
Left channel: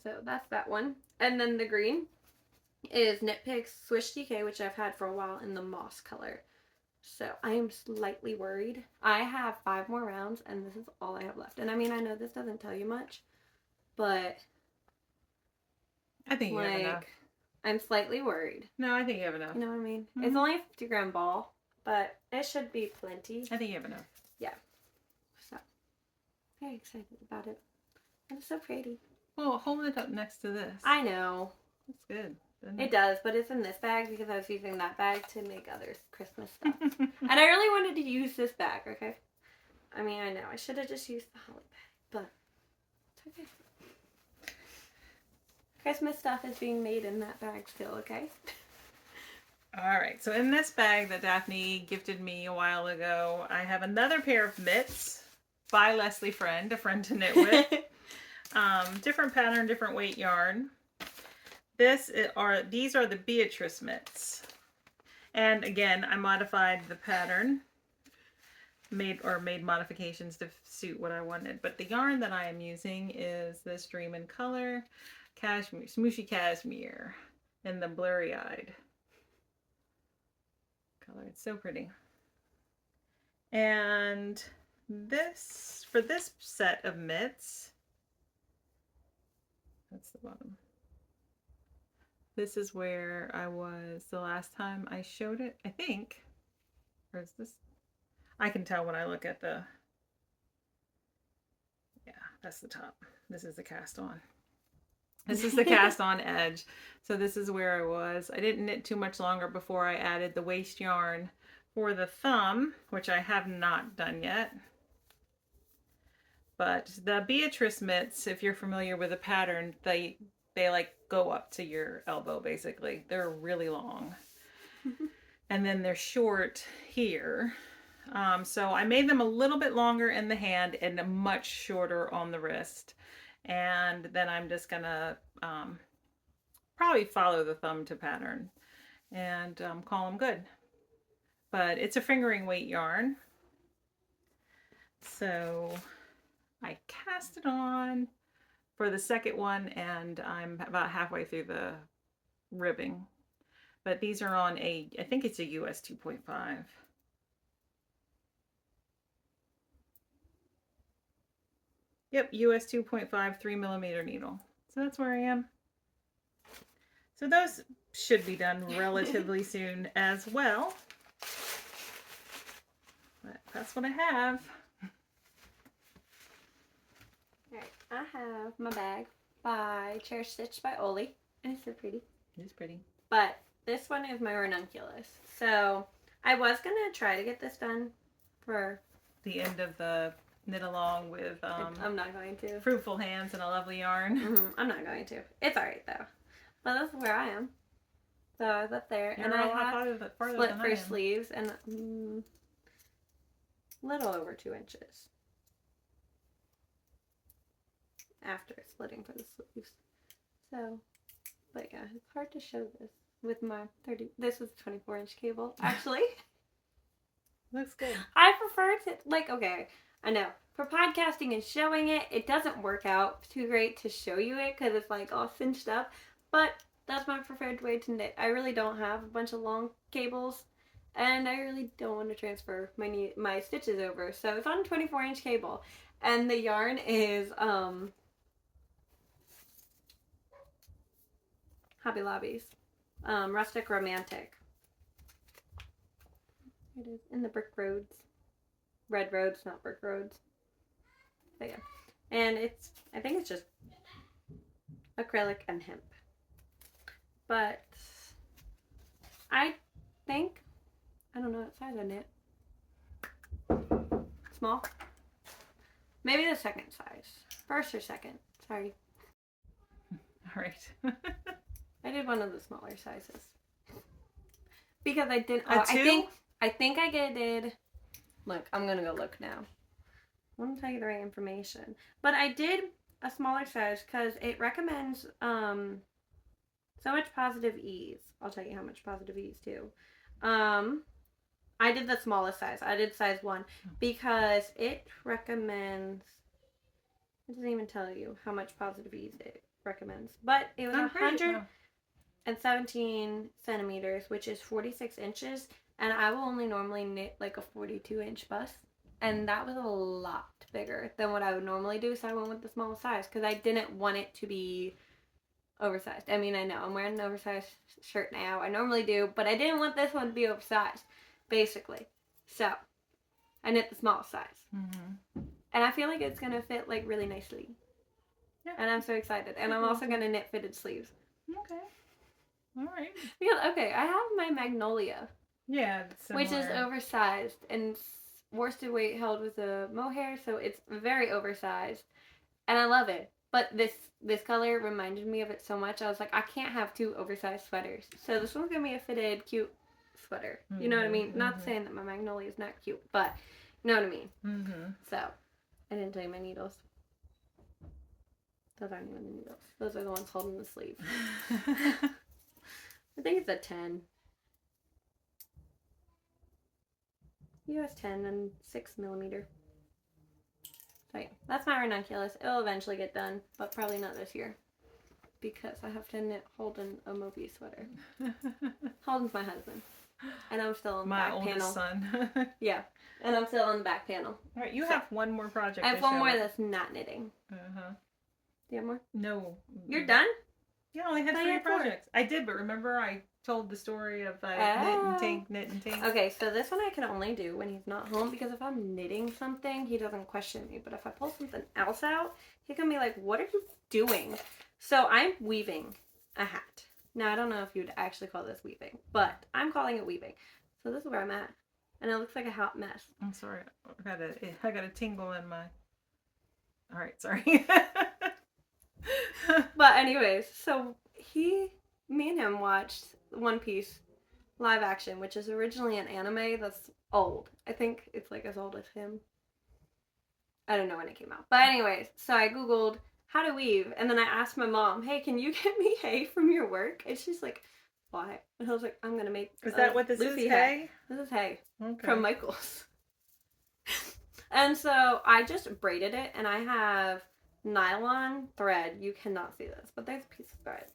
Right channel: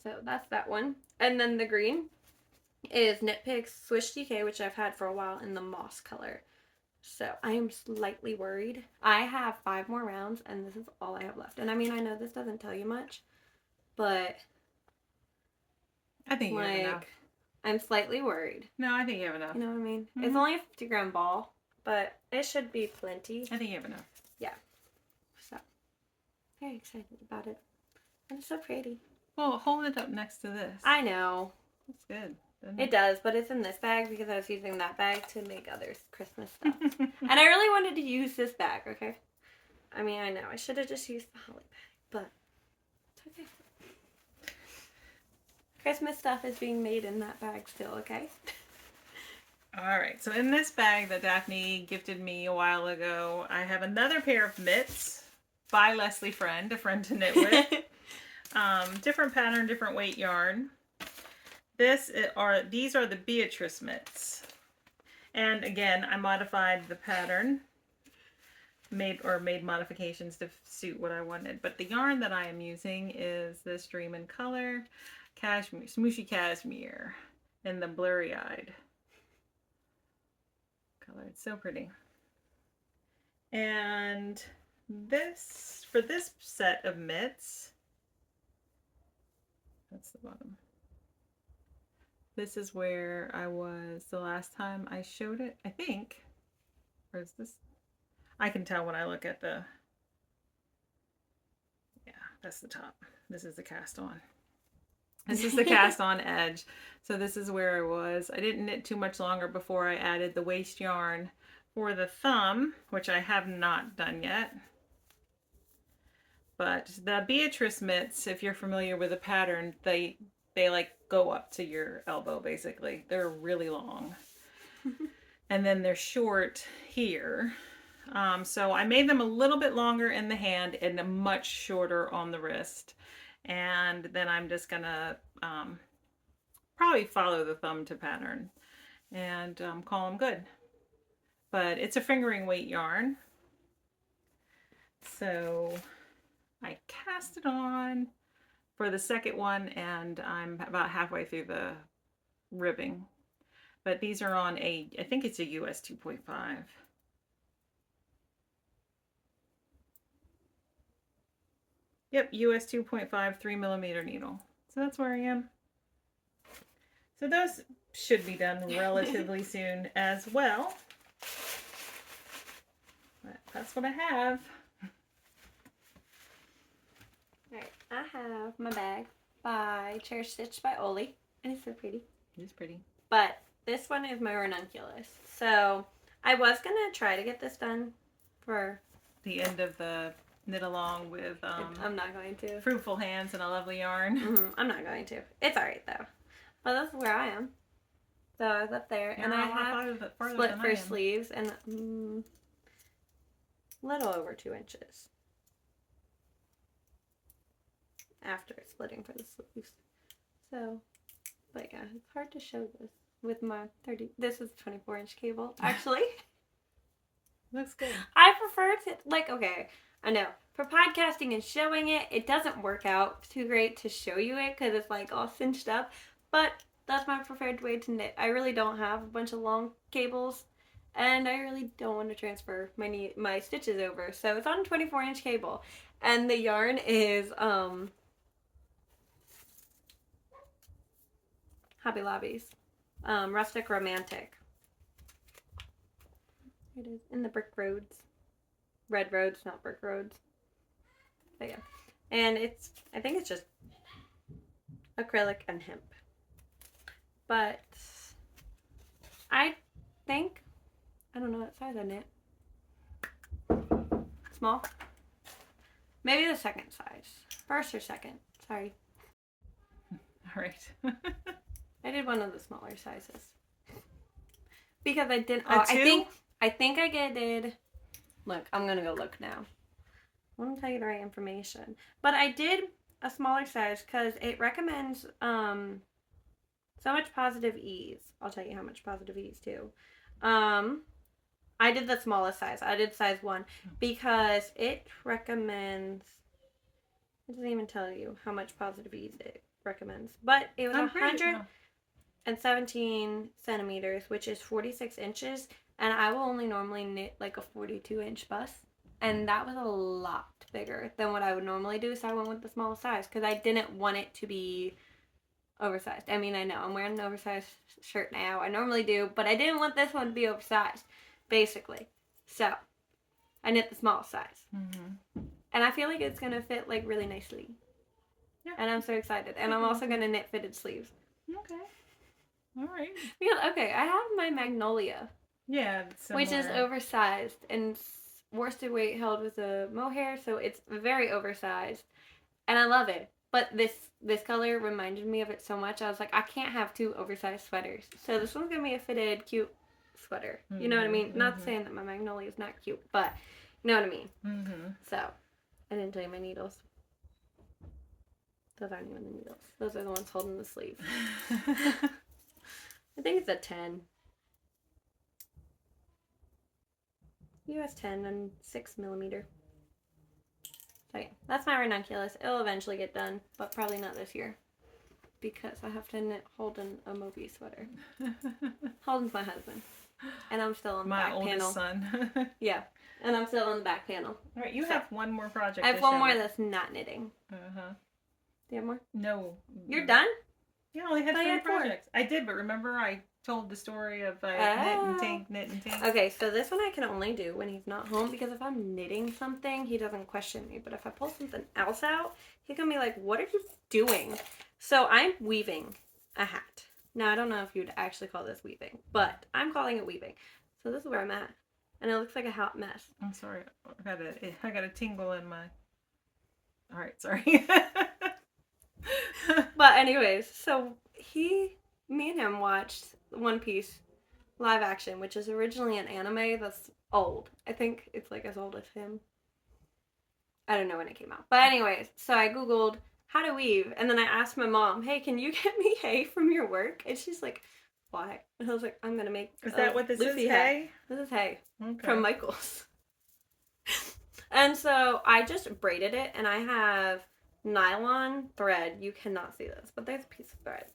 So that's that one. And then the green is Knit Picks Swish DK, which I've had for a while, in the moss color. So I am slightly worried. I have 5 more rounds, and this is all I have left. And I mean, I know this doesn't tell you much, but I think you have enough. I'm slightly worried. No, I think you have enough. You know what I mean? It's only a 50-gram ball, but it should be plenty. I think you have enough. Yeah. So, very excited about it. It's so pretty. Well, hold it up next to this. I know. That's good. It does, but it's in this bag because I was using that bag to make other Christmas stuff. And I really wanted to use this bag, okay? I mean, I know. I should have just used the holly bag, but it's okay. Christmas stuff is being made in that bag still, okay? Alright, so in this bag that Daphne gifted me a while ago, I have another pair of mitts by Leslie Friend, a friend to knit with. Different pattern, different weight yarn. These are the Beatrice mitts. And again, I modified the pattern. Made modifications to suit what I wanted. But the yarn that I am using is this Dream in Color Cashmere, Smooshy Cashmere in the Blurry Eyed color. It's so pretty. And this, for this set of mitts, that's the bottom. This is where I was the last time I showed it, I think. Or is this? I can tell when I look at the, yeah, that's the top. This is the cast on. This is the cast on edge. So this is where I was. I didn't knit too much longer before I added the waste yarn for the thumb, which I have not done yet. But the Beatrice mitts, if you're familiar with the pattern, they like go up to your elbow basically. They're really long. And then they're short here. So I made them a little bit longer in the hand and much shorter on the wrist. And then I'm just gonna probably follow the thumb to pattern and call them good. But it's a fingering weight yarn. So I cast it on for the second one and I'm about halfway through the ribbing. But these are on I think it's a US 2.5. Yep, US 2.5 3mm needle. So that's where I am. So those should be done relatively soon as well. But that's what I have. Alright, I have my bag by Cherish Stitch by Oli. And it's so pretty. It's pretty. But this one is my ranunculus. So I was going to try to get this done for the end of the knit along with I'm not going to. Fruitful Hands and a Lovely Yarn. I'm not going to. It's alright though. But this is where I am. So I was up there and I have split for sleeves and a little over 2 inches after splitting for the sleeves. So, but yeah, it's hard to show this with my 30. This is 24-inch cable actually. Looks good. I prefer to, like, okay, I know. For podcasting and showing it, it doesn't work out too great to show you it because it's like all cinched up. But that's my preferred way to knit. I really don't have a bunch of long cables, and I really don't want to transfer my stitches over. So it's on a 24-inch cable, and the yarn is Hobby Lobby's Rustic Romantic. It is in the brick roads, red roads, not brick roads. So yeah, and I think it's just acrylic and hemp. But I think, I don't know what size I knit. Small? Maybe the second size. First or second. Sorry. All right. I did one of the smaller sizes. Because I didn't. A two? I think I did. Look, I'm going to go look now. I want to tell you the right information. But I did a smaller size because it recommends so much positive ease. I'll tell you how much positive ease too. I did the smallest size. I did size 1 because it recommends. It doesn't even tell you how much positive ease it recommends. But it was 117 centimeters, which is 46 inches. And I will only normally knit like a 42-inch bust. And that was a lot bigger than what I would normally do. So I went with the smallest size because I didn't want it to be oversized. I mean, I know I'm wearing an oversized shirt now. I normally do, but I didn't want this one to be oversized, basically. So I knit the smallest size. Mm-hmm. And I feel like it's going to fit like really nicely. Yeah. And I'm so excited. And I'm also going to knit fitted sleeves. Okay. All right. Yeah, okay, I have my Magnolia. Yeah, which is oversized and worsted weight held with a mohair, so it's very oversized. And I love it. But this color reminded me of it so much. I was like, I can't have 2 oversized sweaters. So this one's going to be a fitted, cute sweater. You know what I mean? Not saying that my Magnolia is not cute, but you know what I mean? Mm-hmm. So, I didn't tell you my needles. Those aren't even the needles. Those are the ones holding the sleeve. I think it's a 10. US 10 and 6 millimeter. So yeah, that's my ranunculus. It'll eventually get done, but probably not this year. Because I have to knit Holden a Moby sweater. Holden's my husband. And I'm still on the back panel. My oldest son. Yeah. And I'm still on the back panel. All right, you have one more project. I have one more that's not knitting. Uh-huh. Do you have more? No. You're done? Yeah, I only had 3 projects. I did, but remember I told the story of knit and tink. Okay, so this one I can only do when he's not home because if I'm knitting something, he doesn't question me. But if I pull something else out, he's going to be like, what are you doing? So I'm weaving a hat. Now, I don't know if you'd actually call this weaving, but I'm calling it weaving. So this is where I'm at. And it looks like a hot mess. I'm sorry. I got a tingle in my... All right, sorry. But anyways, so me and him watched One Piece live action, which is originally an anime that's old. I think it's like as old as him. I don't know when it came out. But anyways, so I Googled how to weave, and then I asked my mom, hey, can you get me hay from your work? And she's like, why? And I was like, I'm going to make Is that what this Luffy is, hay? This is hay. Okay. From Michael's. And so I just braided it, and I have nylon thread. You cannot see this, but there's a piece of thread.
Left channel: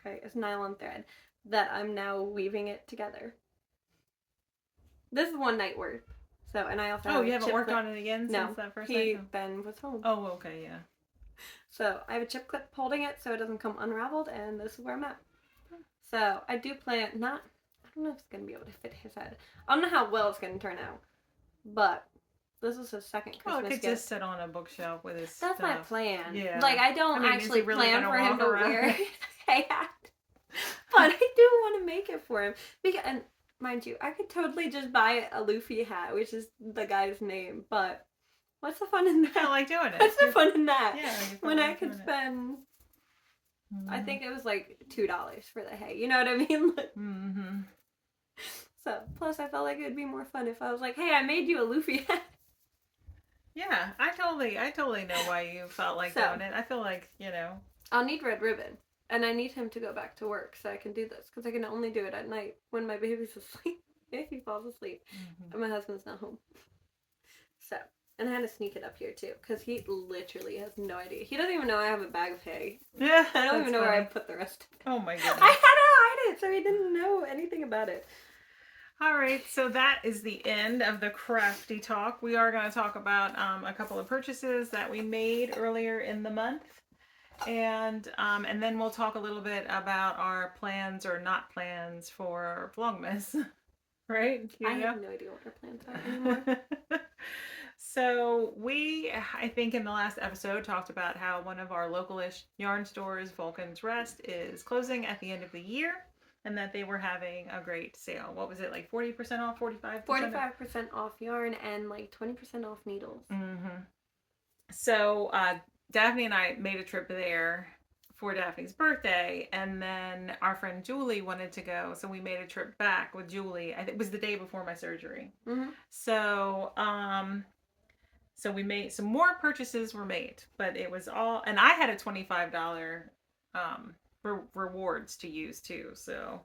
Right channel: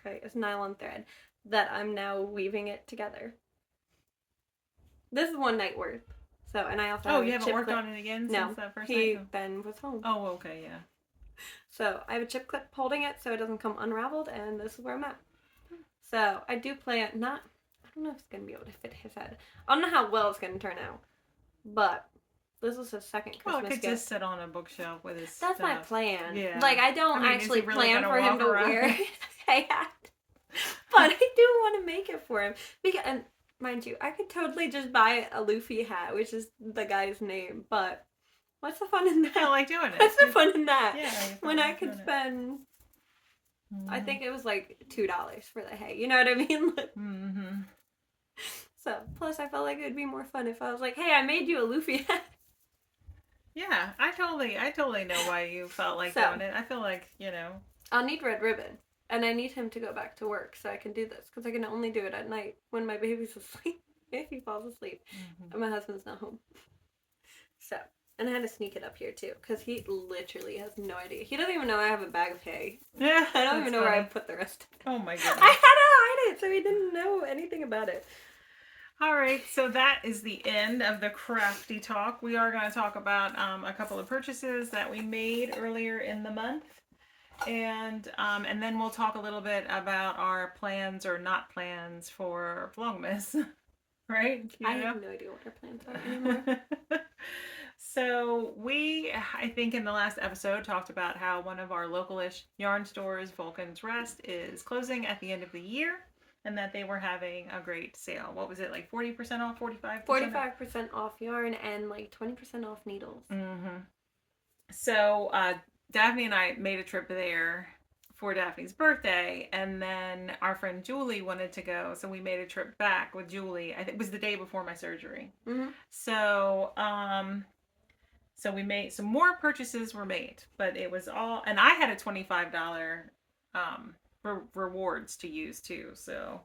Okay, it's nylon thread that I'm now weaving it together. This is one night worth. So, and I also you haven't worked on it again since that first night? He then was home. Oh, okay, yeah. So I have a chip clip holding it so it doesn't come unraveled, and this is where I'm at. So I do plan I don't know if it's gonna be able to fit his head. I don't know how well it's gonna turn out, but this is his second Christmas Well, it could gift. just sit on a bookshelf with his That's stuff. my plan. Yeah. Like, I don't actually really plan for him to around? wear a hat. But I do want to make it for him. Because, and mind you, I could totally just buy a Luffy hat, which is the guy's name. But what's the fun in that? I like doing it. What's the fun in that? Yeah. When I could spend... I think it was like $2 for the hay. You know what I mean? So, plus I felt like it would be more fun if I was like, hey, I made you a Luffy hat. Yeah, I totally know why you felt like doing it. I feel like, I'll need red ribbon. And I need him to go back to work so I can do this. Because I can only do it at night when my baby's asleep. If he falls asleep. And my husband's not home. So, And I had to sneak it up here too, because he literally has no idea. He doesn't even know I have a bag of hay. Yeah, I don't even know where I funny. put the rest of it. Oh my goodness. I had to hide it, so he didn't know anything about it. All right, so that is the end of the crafty talk. We are going to talk about a couple of purchases that we made earlier in the month. And then we'll talk a little bit about our plans or not plans for Vlogmas. Right? I have no idea what our plans are anymore. So we, I think in the last episode, talked about how one of our localish yarn stores, Vulcan's Rest, is closing at the end of the year. And that they were having a great sale. What was it, like 40% off, 45%? 45% off yarn and like 20% off needles. Mm-hmm. So Daphne and I made a trip there for Daphne's birthday, and then our friend Julie wanted to go, so we made a trip back with Julie. I think it was the day before my surgery. Mm-hmm. So so we made some more purchases were made, but it was all, and I had a $25 rewards to use too. So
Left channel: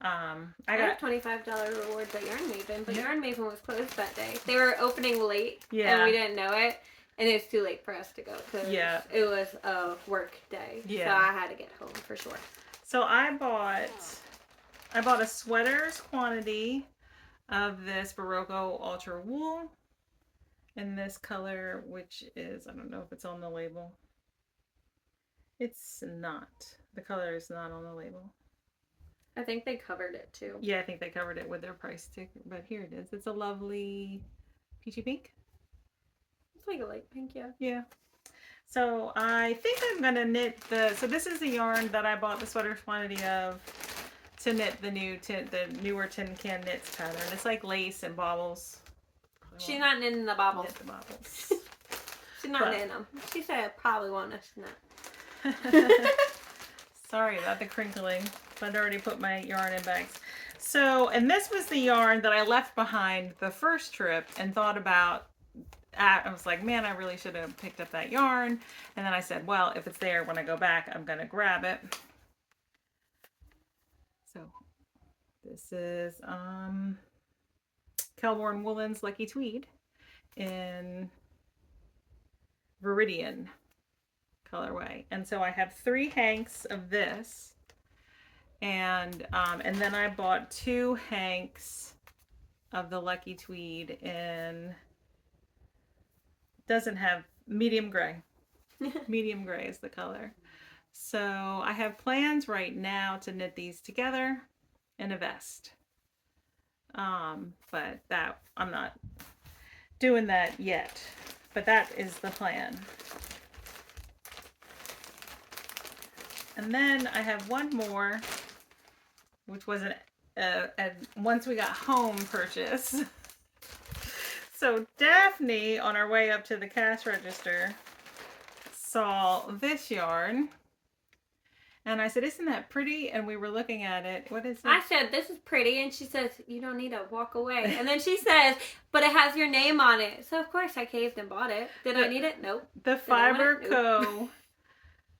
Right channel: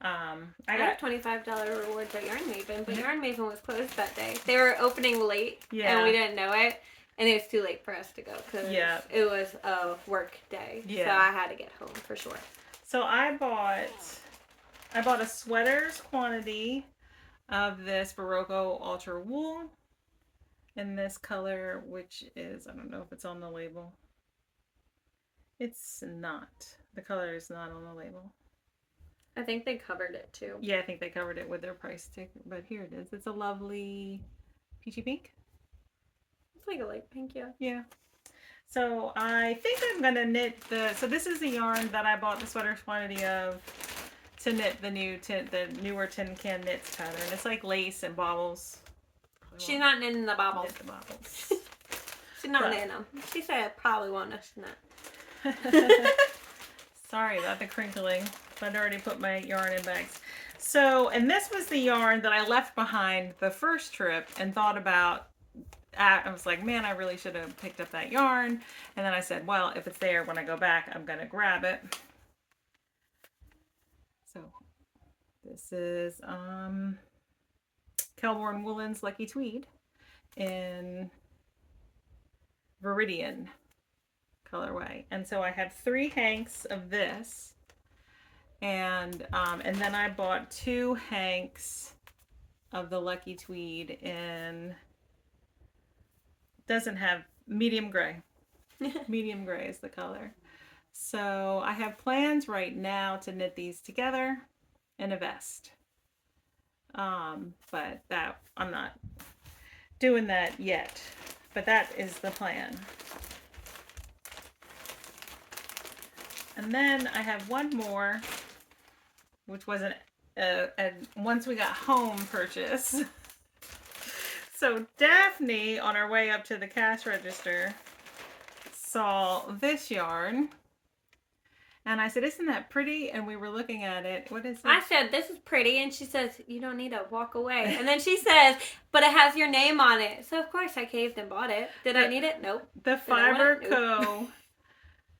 I got $25 rewards at Yarn Maven, but Yarn Maven was closed that day. They were opening late, and we didn't know it, and it was too late for us to go because it was a work day. So I had to get home for sure. So I bought a sweater's quantity of this Barocco Ultra wool in this color, which is, I don't know if it's on the label. It's not. The color is not on the label. I think they covered it too. Yeah, I think they covered it with their price sticker, but here it is. It's a lovely peachy pink. It's like a light pink, yeah. Yeah. So I think I'm gonna knit so this is the yarn that I bought the sweater quantity of to knit the newer tin can knits pattern. It's like lace and baubles. She's not knitting the baubles. Knit the baubles. She's not knitting them. She said I probably want us to knit. Sorry about the crinkling. I'd already put my yarn in bags. So, and this was the yarn that I left behind the first trip and thought about. I was like, man, I really should have picked up that yarn. And then I said, well, if it's there when I go back, I'm going to grab it. So, this is Kelborn Woolen's Lucky Tweed in Viridian colorway. And so I have 3 hanks of this, and then I bought 2 hanks of the Lucky Tweed in, doesn't have, medium gray. Medium gray is the color. So I have plans right now to knit these together in a vest, but that I'm not doing that yet, but that is the plan. And then I have one more, which was a once we got home purchase. So Daphne, on our way up to the cash register, saw this yarn. And I said, isn't that pretty? And we were looking at it. What is it? I said, this is pretty. And she says, you don't need to walk away. And then she says, but it has your name on it. So, of course, I caved and bought it. Did I need it? Nope. The Fiber Co.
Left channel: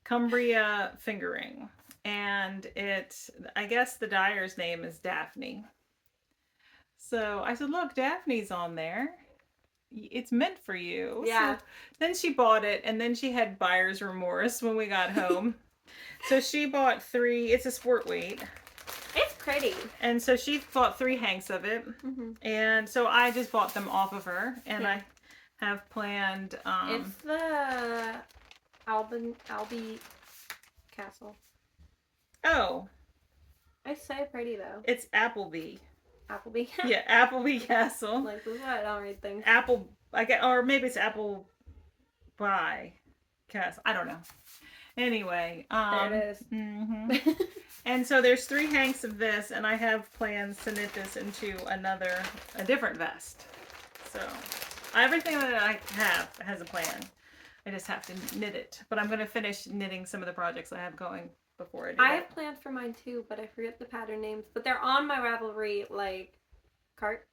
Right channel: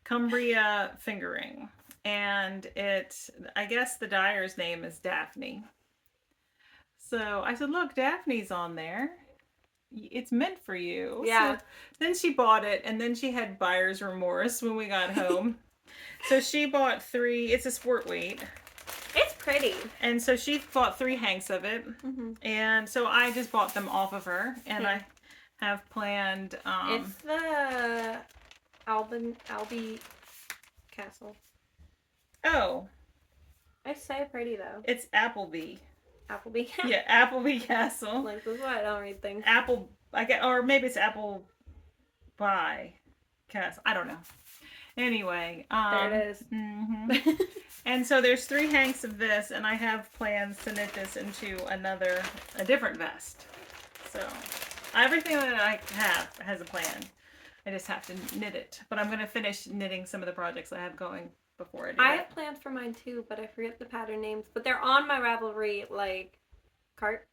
Cumbria fingering, and I guess the dyer's name is Daphne. So I said, look, Daphne's on there. It's meant for you. Yeah. So then she bought it, and then she had buyer's remorse when we got home. So she bought 3. It's a sport weight. It's pretty. And so she bought 3 hanks of it. Mm-hmm. And so I just bought them off of her, and I have planned. It's the Albie Castle. Oh. It's so pretty though. It's Appleby. Appleby. Yeah, Appleby Castle. Like, this is why I don't read things. Or maybe it's Apple by Castle. I don't know. Anyway, there it is. Mm-hmm. And so there's 3 hanks of this, and I have plans to knit this into a different vest. So everything that I have has a plan. I just have to knit it. But I'm going to finish knitting some of the projects I have going before I do that. I have plans for mine too, but I forget the pattern names. But they're on my Ravelry, like, cart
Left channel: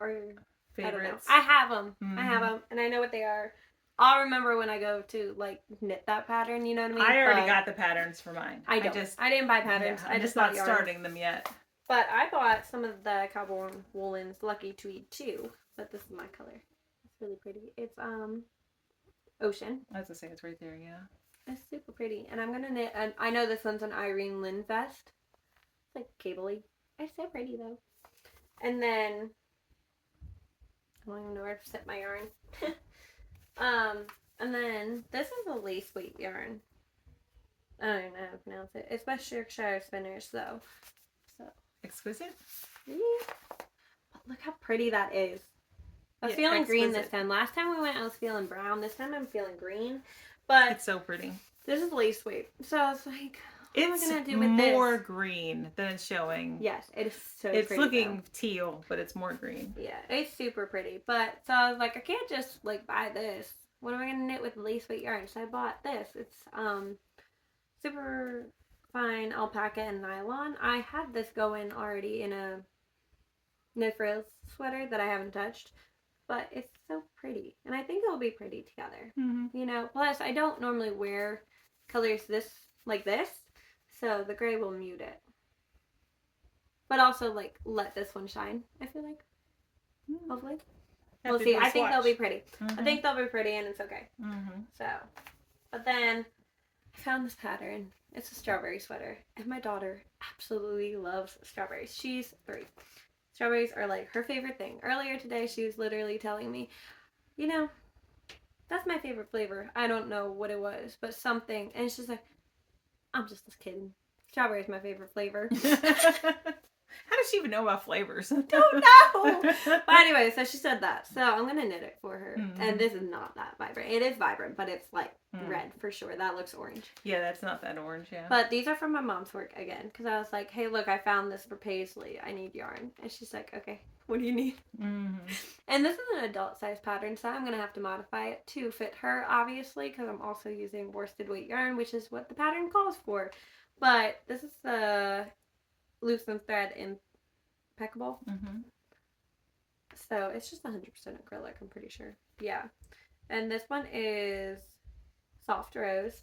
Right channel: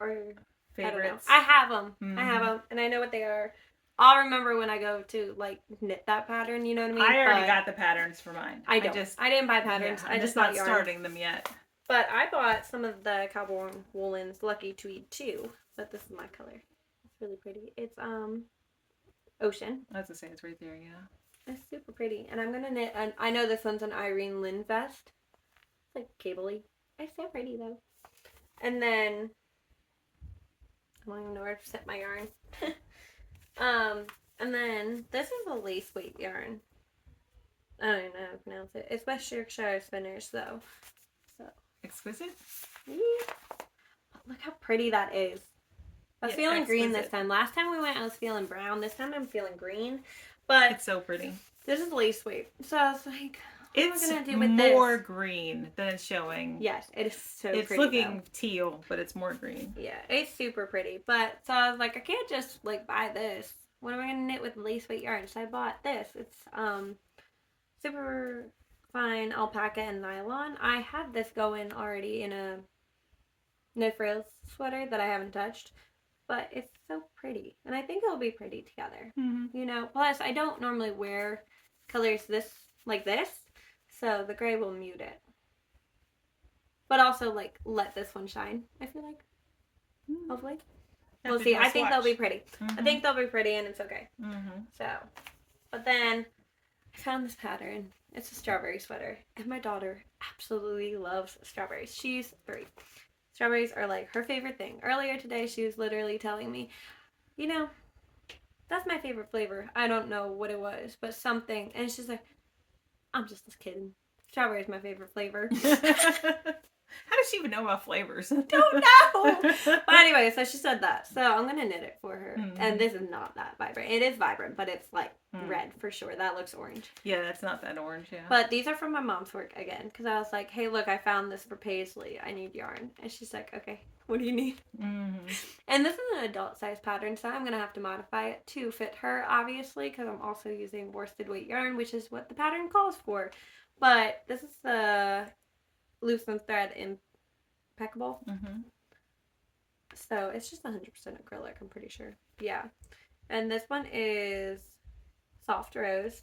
or favorites. I have them. Mm-hmm. I have them, and I know what they are. I'll remember when I go to, like, knit that pattern, you know what I mean? I already got the patterns for mine. I didn't buy patterns. Yeah, I'm just not starting them yet. But I bought some of the Kelborn Woolen's Lucky Tweed too. But this is my color. really pretty. It's ocean. I was gonna say it's right there, yeah. It's super pretty. And I'm gonna knit, and I know this one's an Irene Lynn vest. It's like cable-y. It's so pretty though. And then I don't even know where to set my yarn. And then this is a lace weight yarn. I don't even know how to pronounce it. It's by Shropshire Spinners though. So Exquisite? yeah. But look how pretty that is. I was Yeah, feeling green this exquisite. time. Last time we went I was feeling brown. This time I'm feeling green. But It's so pretty. this is lace weight. So I was like, what It's am I gonna do with more this? green than it's showing. Yes, it is so It's pretty. looking teal, but it's more green. Yeah, it's super pretty. But so I was like, I can't just like buy this. What am I gonna knit with lace weight yarn? So I bought this. It's super fine alpaca and nylon. I had this going already in a no frills sweater that I haven't touched, but it's so pretty, and I think it'll be pretty together. Mm-hmm. You know, plus I don't normally wear colors this like this, so the gray will mute it. But also like let this one shine. I feel like hopefully we'll see. I think they'll be pretty. Mm-hmm. I think they'll be pretty, and it's okay. Mm-hmm. So, but then I found this pattern. It's a strawberry sweater, and my daughter absolutely loves strawberries. She's 3. Strawberries are like her favorite thing. Earlier today, she was literally telling me, you know, that's my favorite flavor. I don't know what it was, but something. And she's like, I'm just kidding. Strawberry is my favorite flavor. How does she even know about flavors? Don't know. But anyway, so she said that. So I'm going to knit it for her. Mm-hmm. And this is not that vibrant. It is vibrant, but it's like red for sure. That looks orange. Yeah, that's not that orange, yeah. But these are from my mom's work again. Because I was like, hey, look, I found this for Paisley. I need yarn. And she's like, okay, what do you need? Mm-hmm. And this is an adult size pattern, so I'm going to have to modify it to fit her, obviously, because I'm also using worsted weight yarn, which is what the pattern calls for. But this is the loosen thread impeccable. Mm-hmm. So it's just 100% acrylic, I'm pretty sure. Yeah. And this one is soft rose.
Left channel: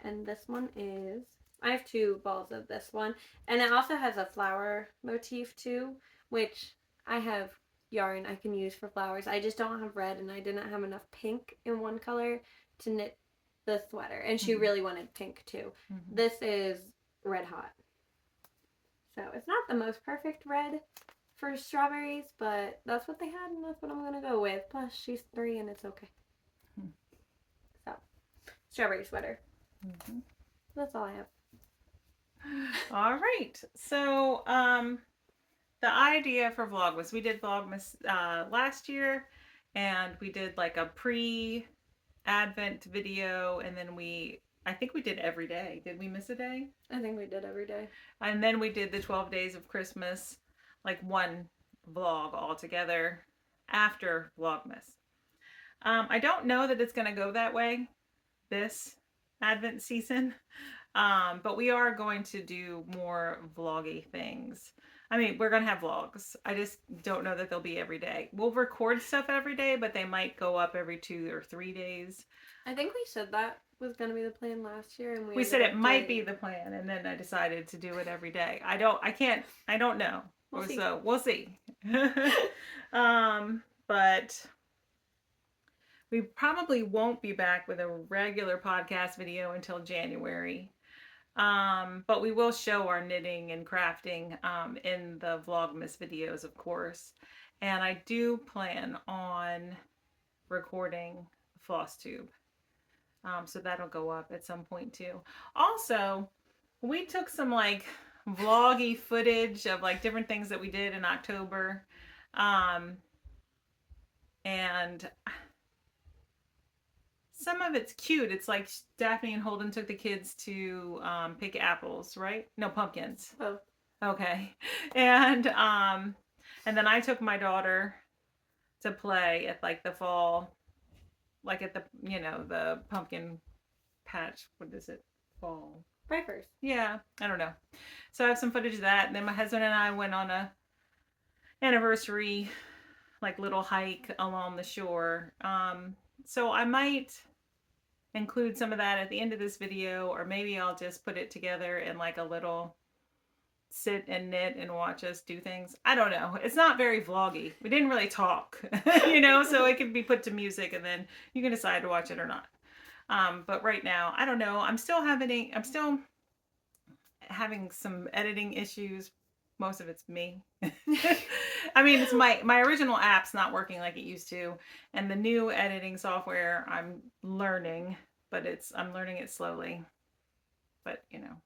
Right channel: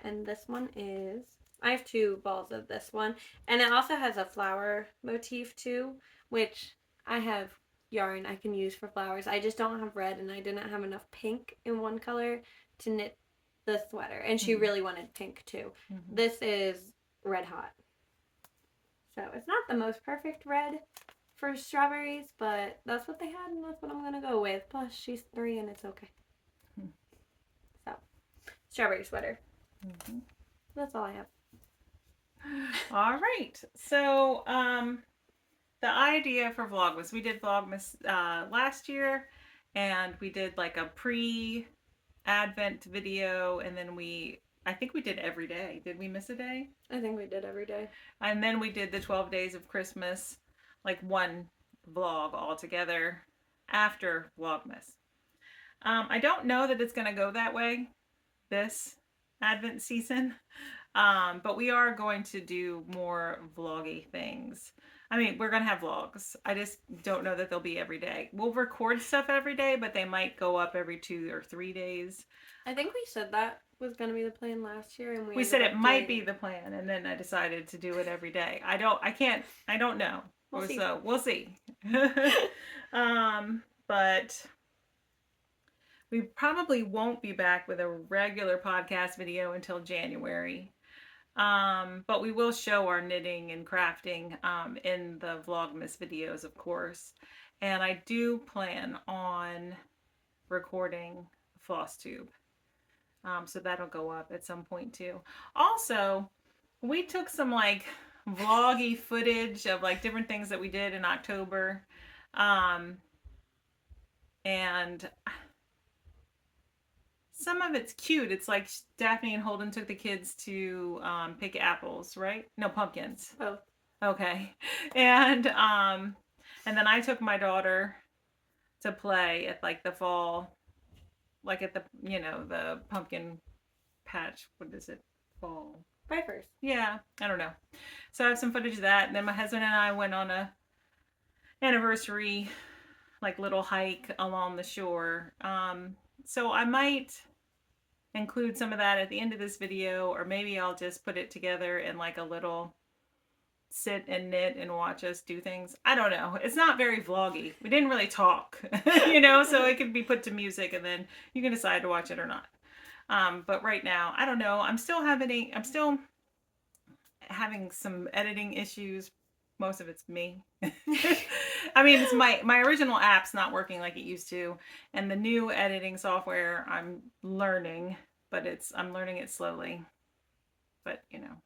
And this one is, I have 2 balls of this one. And it also has a flower motif too, which I have yarn I can use for flowers. I just don't have red, and I didn't have enough pink in one color to knit the sweater. And she really wanted pink too. Mm-hmm. This is red hot. So it's not the most perfect red for strawberries, but that's what they had, and that's what I'm going to go with. Plus, she's 3, and it's okay. So, strawberry sweater. Mm-hmm. That's all I have. All right. So, the idea for Vlogmas, we did Vlogmas last year, and we did like a pre-Advent video, and then I think we did every day. Did we miss a day? I think we did every day. And then we did the 12 days of Christmas, like one vlog all together after Vlogmas. I don't know that it's going to go that way this Advent season, but we are going to do more vloggy things. I mean, we're going to have vlogs. I just don't know that they'll be every day. We'll record stuff every day, but they might go up every 2 or 3 days. I think we said that was going to be the plan last year, and we said it might be the plan, and then I decided to do it every day. I don't know. We'll see. So we'll see. But we probably won't be back with a regular podcast video until January. But we will show our knitting and crafting in the Vlogmas videos, of course. And I do plan on recording floss tube. So that'll go up at some point too. Also, we took some like vloggy footage of like different things that we did in October. And some of it's cute. It's like Daphne and Holden took the kids to pick apples, right? No, pumpkins. Oh. Okay. And then I took my daughter to play at like the fall, like at the, the pumpkin patch. What is it? Fall. Vipers. Yeah, I don't know. So I have some footage of that. And then my husband and I went on a anniversary, like little hike along the shore. So I might include some of that at the end of this video, or maybe I'll just put it together in like a little sit and knit and watch us do things. I don't know. It's not very vloggy. We didn't really talk, you know, so it can be put to music and then you can decide to watch it or not. But right now, I don't know. I'm still having some editing issues. Most of it's me. I mean, it's my original app's not working like it used to, and the new editing software I'm learning, but I'm learning it slowly. But you know.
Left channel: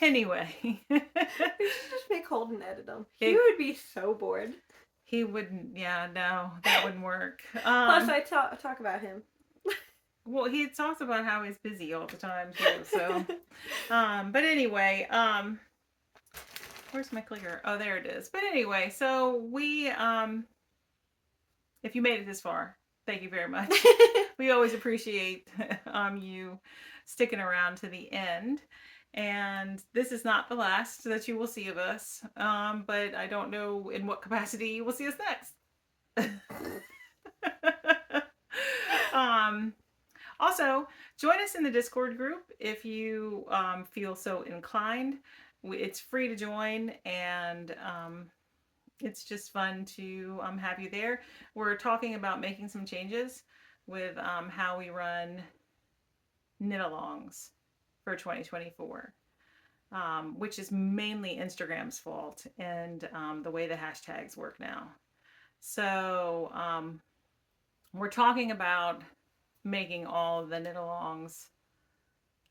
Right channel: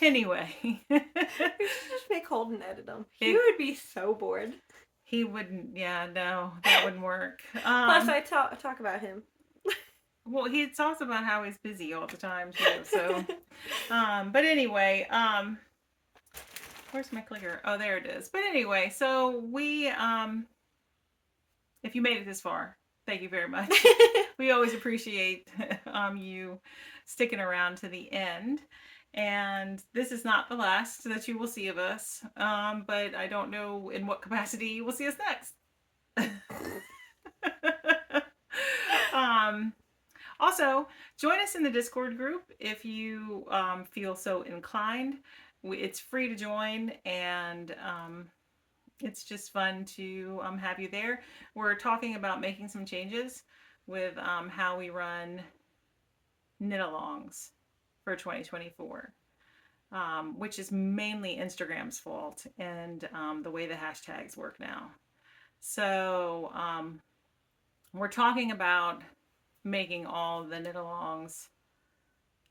Anyway. You should just make Holden edit them. He would be so bored. He wouldn't. Yeah, no, that wouldn't work. Plus, I talk about him. Well, he talks about how he's busy all the time too. So, but anyway, where's my clicker? Oh, there it is. But anyway, so we, if you made it this far, thank you very much. We always appreciate you sticking around to the end. And this is not the last that you will see of us, but I don't know in what capacity you will see us next. Also, join us in the Discord group if you feel so inclined. It's free to join, and it's just fun to have you there. We're talking about making some changes with how we run knit-alongs for 2024, which is mainly Instagram's fault and the way the hashtags work now. So we're talking about making all the knit-alongs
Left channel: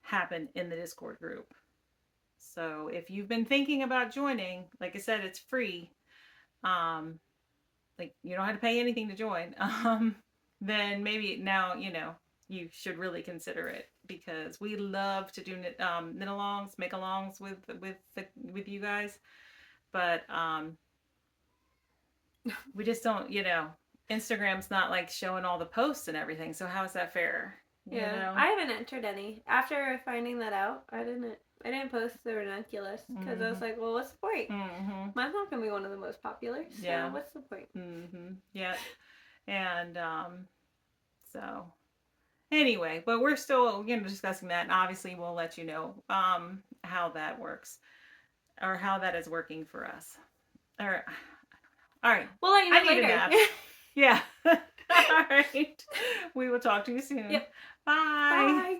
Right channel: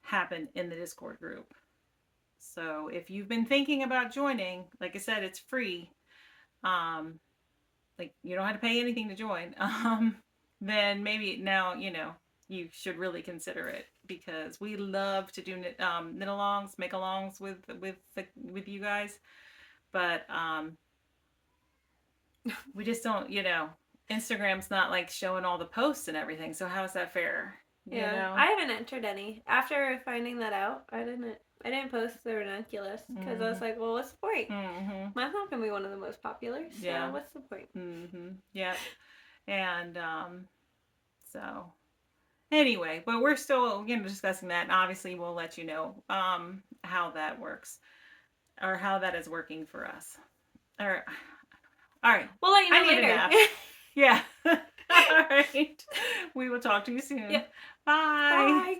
happen in the Discord group. So if you've been thinking about joining, like I said, it's free. Like you don't have to pay anything to join. Then maybe now you should really consider it, because we love to do knit-alongs, make-alongs with you guys, but we just don't. Instagram's not like showing all the posts and everything. So how is that fair? You know? I haven't entered any. After finding that out, I didn't post the ranunculus because I was like, well, what's the point? Mine's not gonna be one of the most popular, so what's the point? Yeah. And so anyway, but we're still discussing that, and obviously we'll let you know how that works, or how that is working for us. All right. We'll let you know I need later. a nap. Yeah. All right. We will talk to you soon. Yep. Bye. Bye.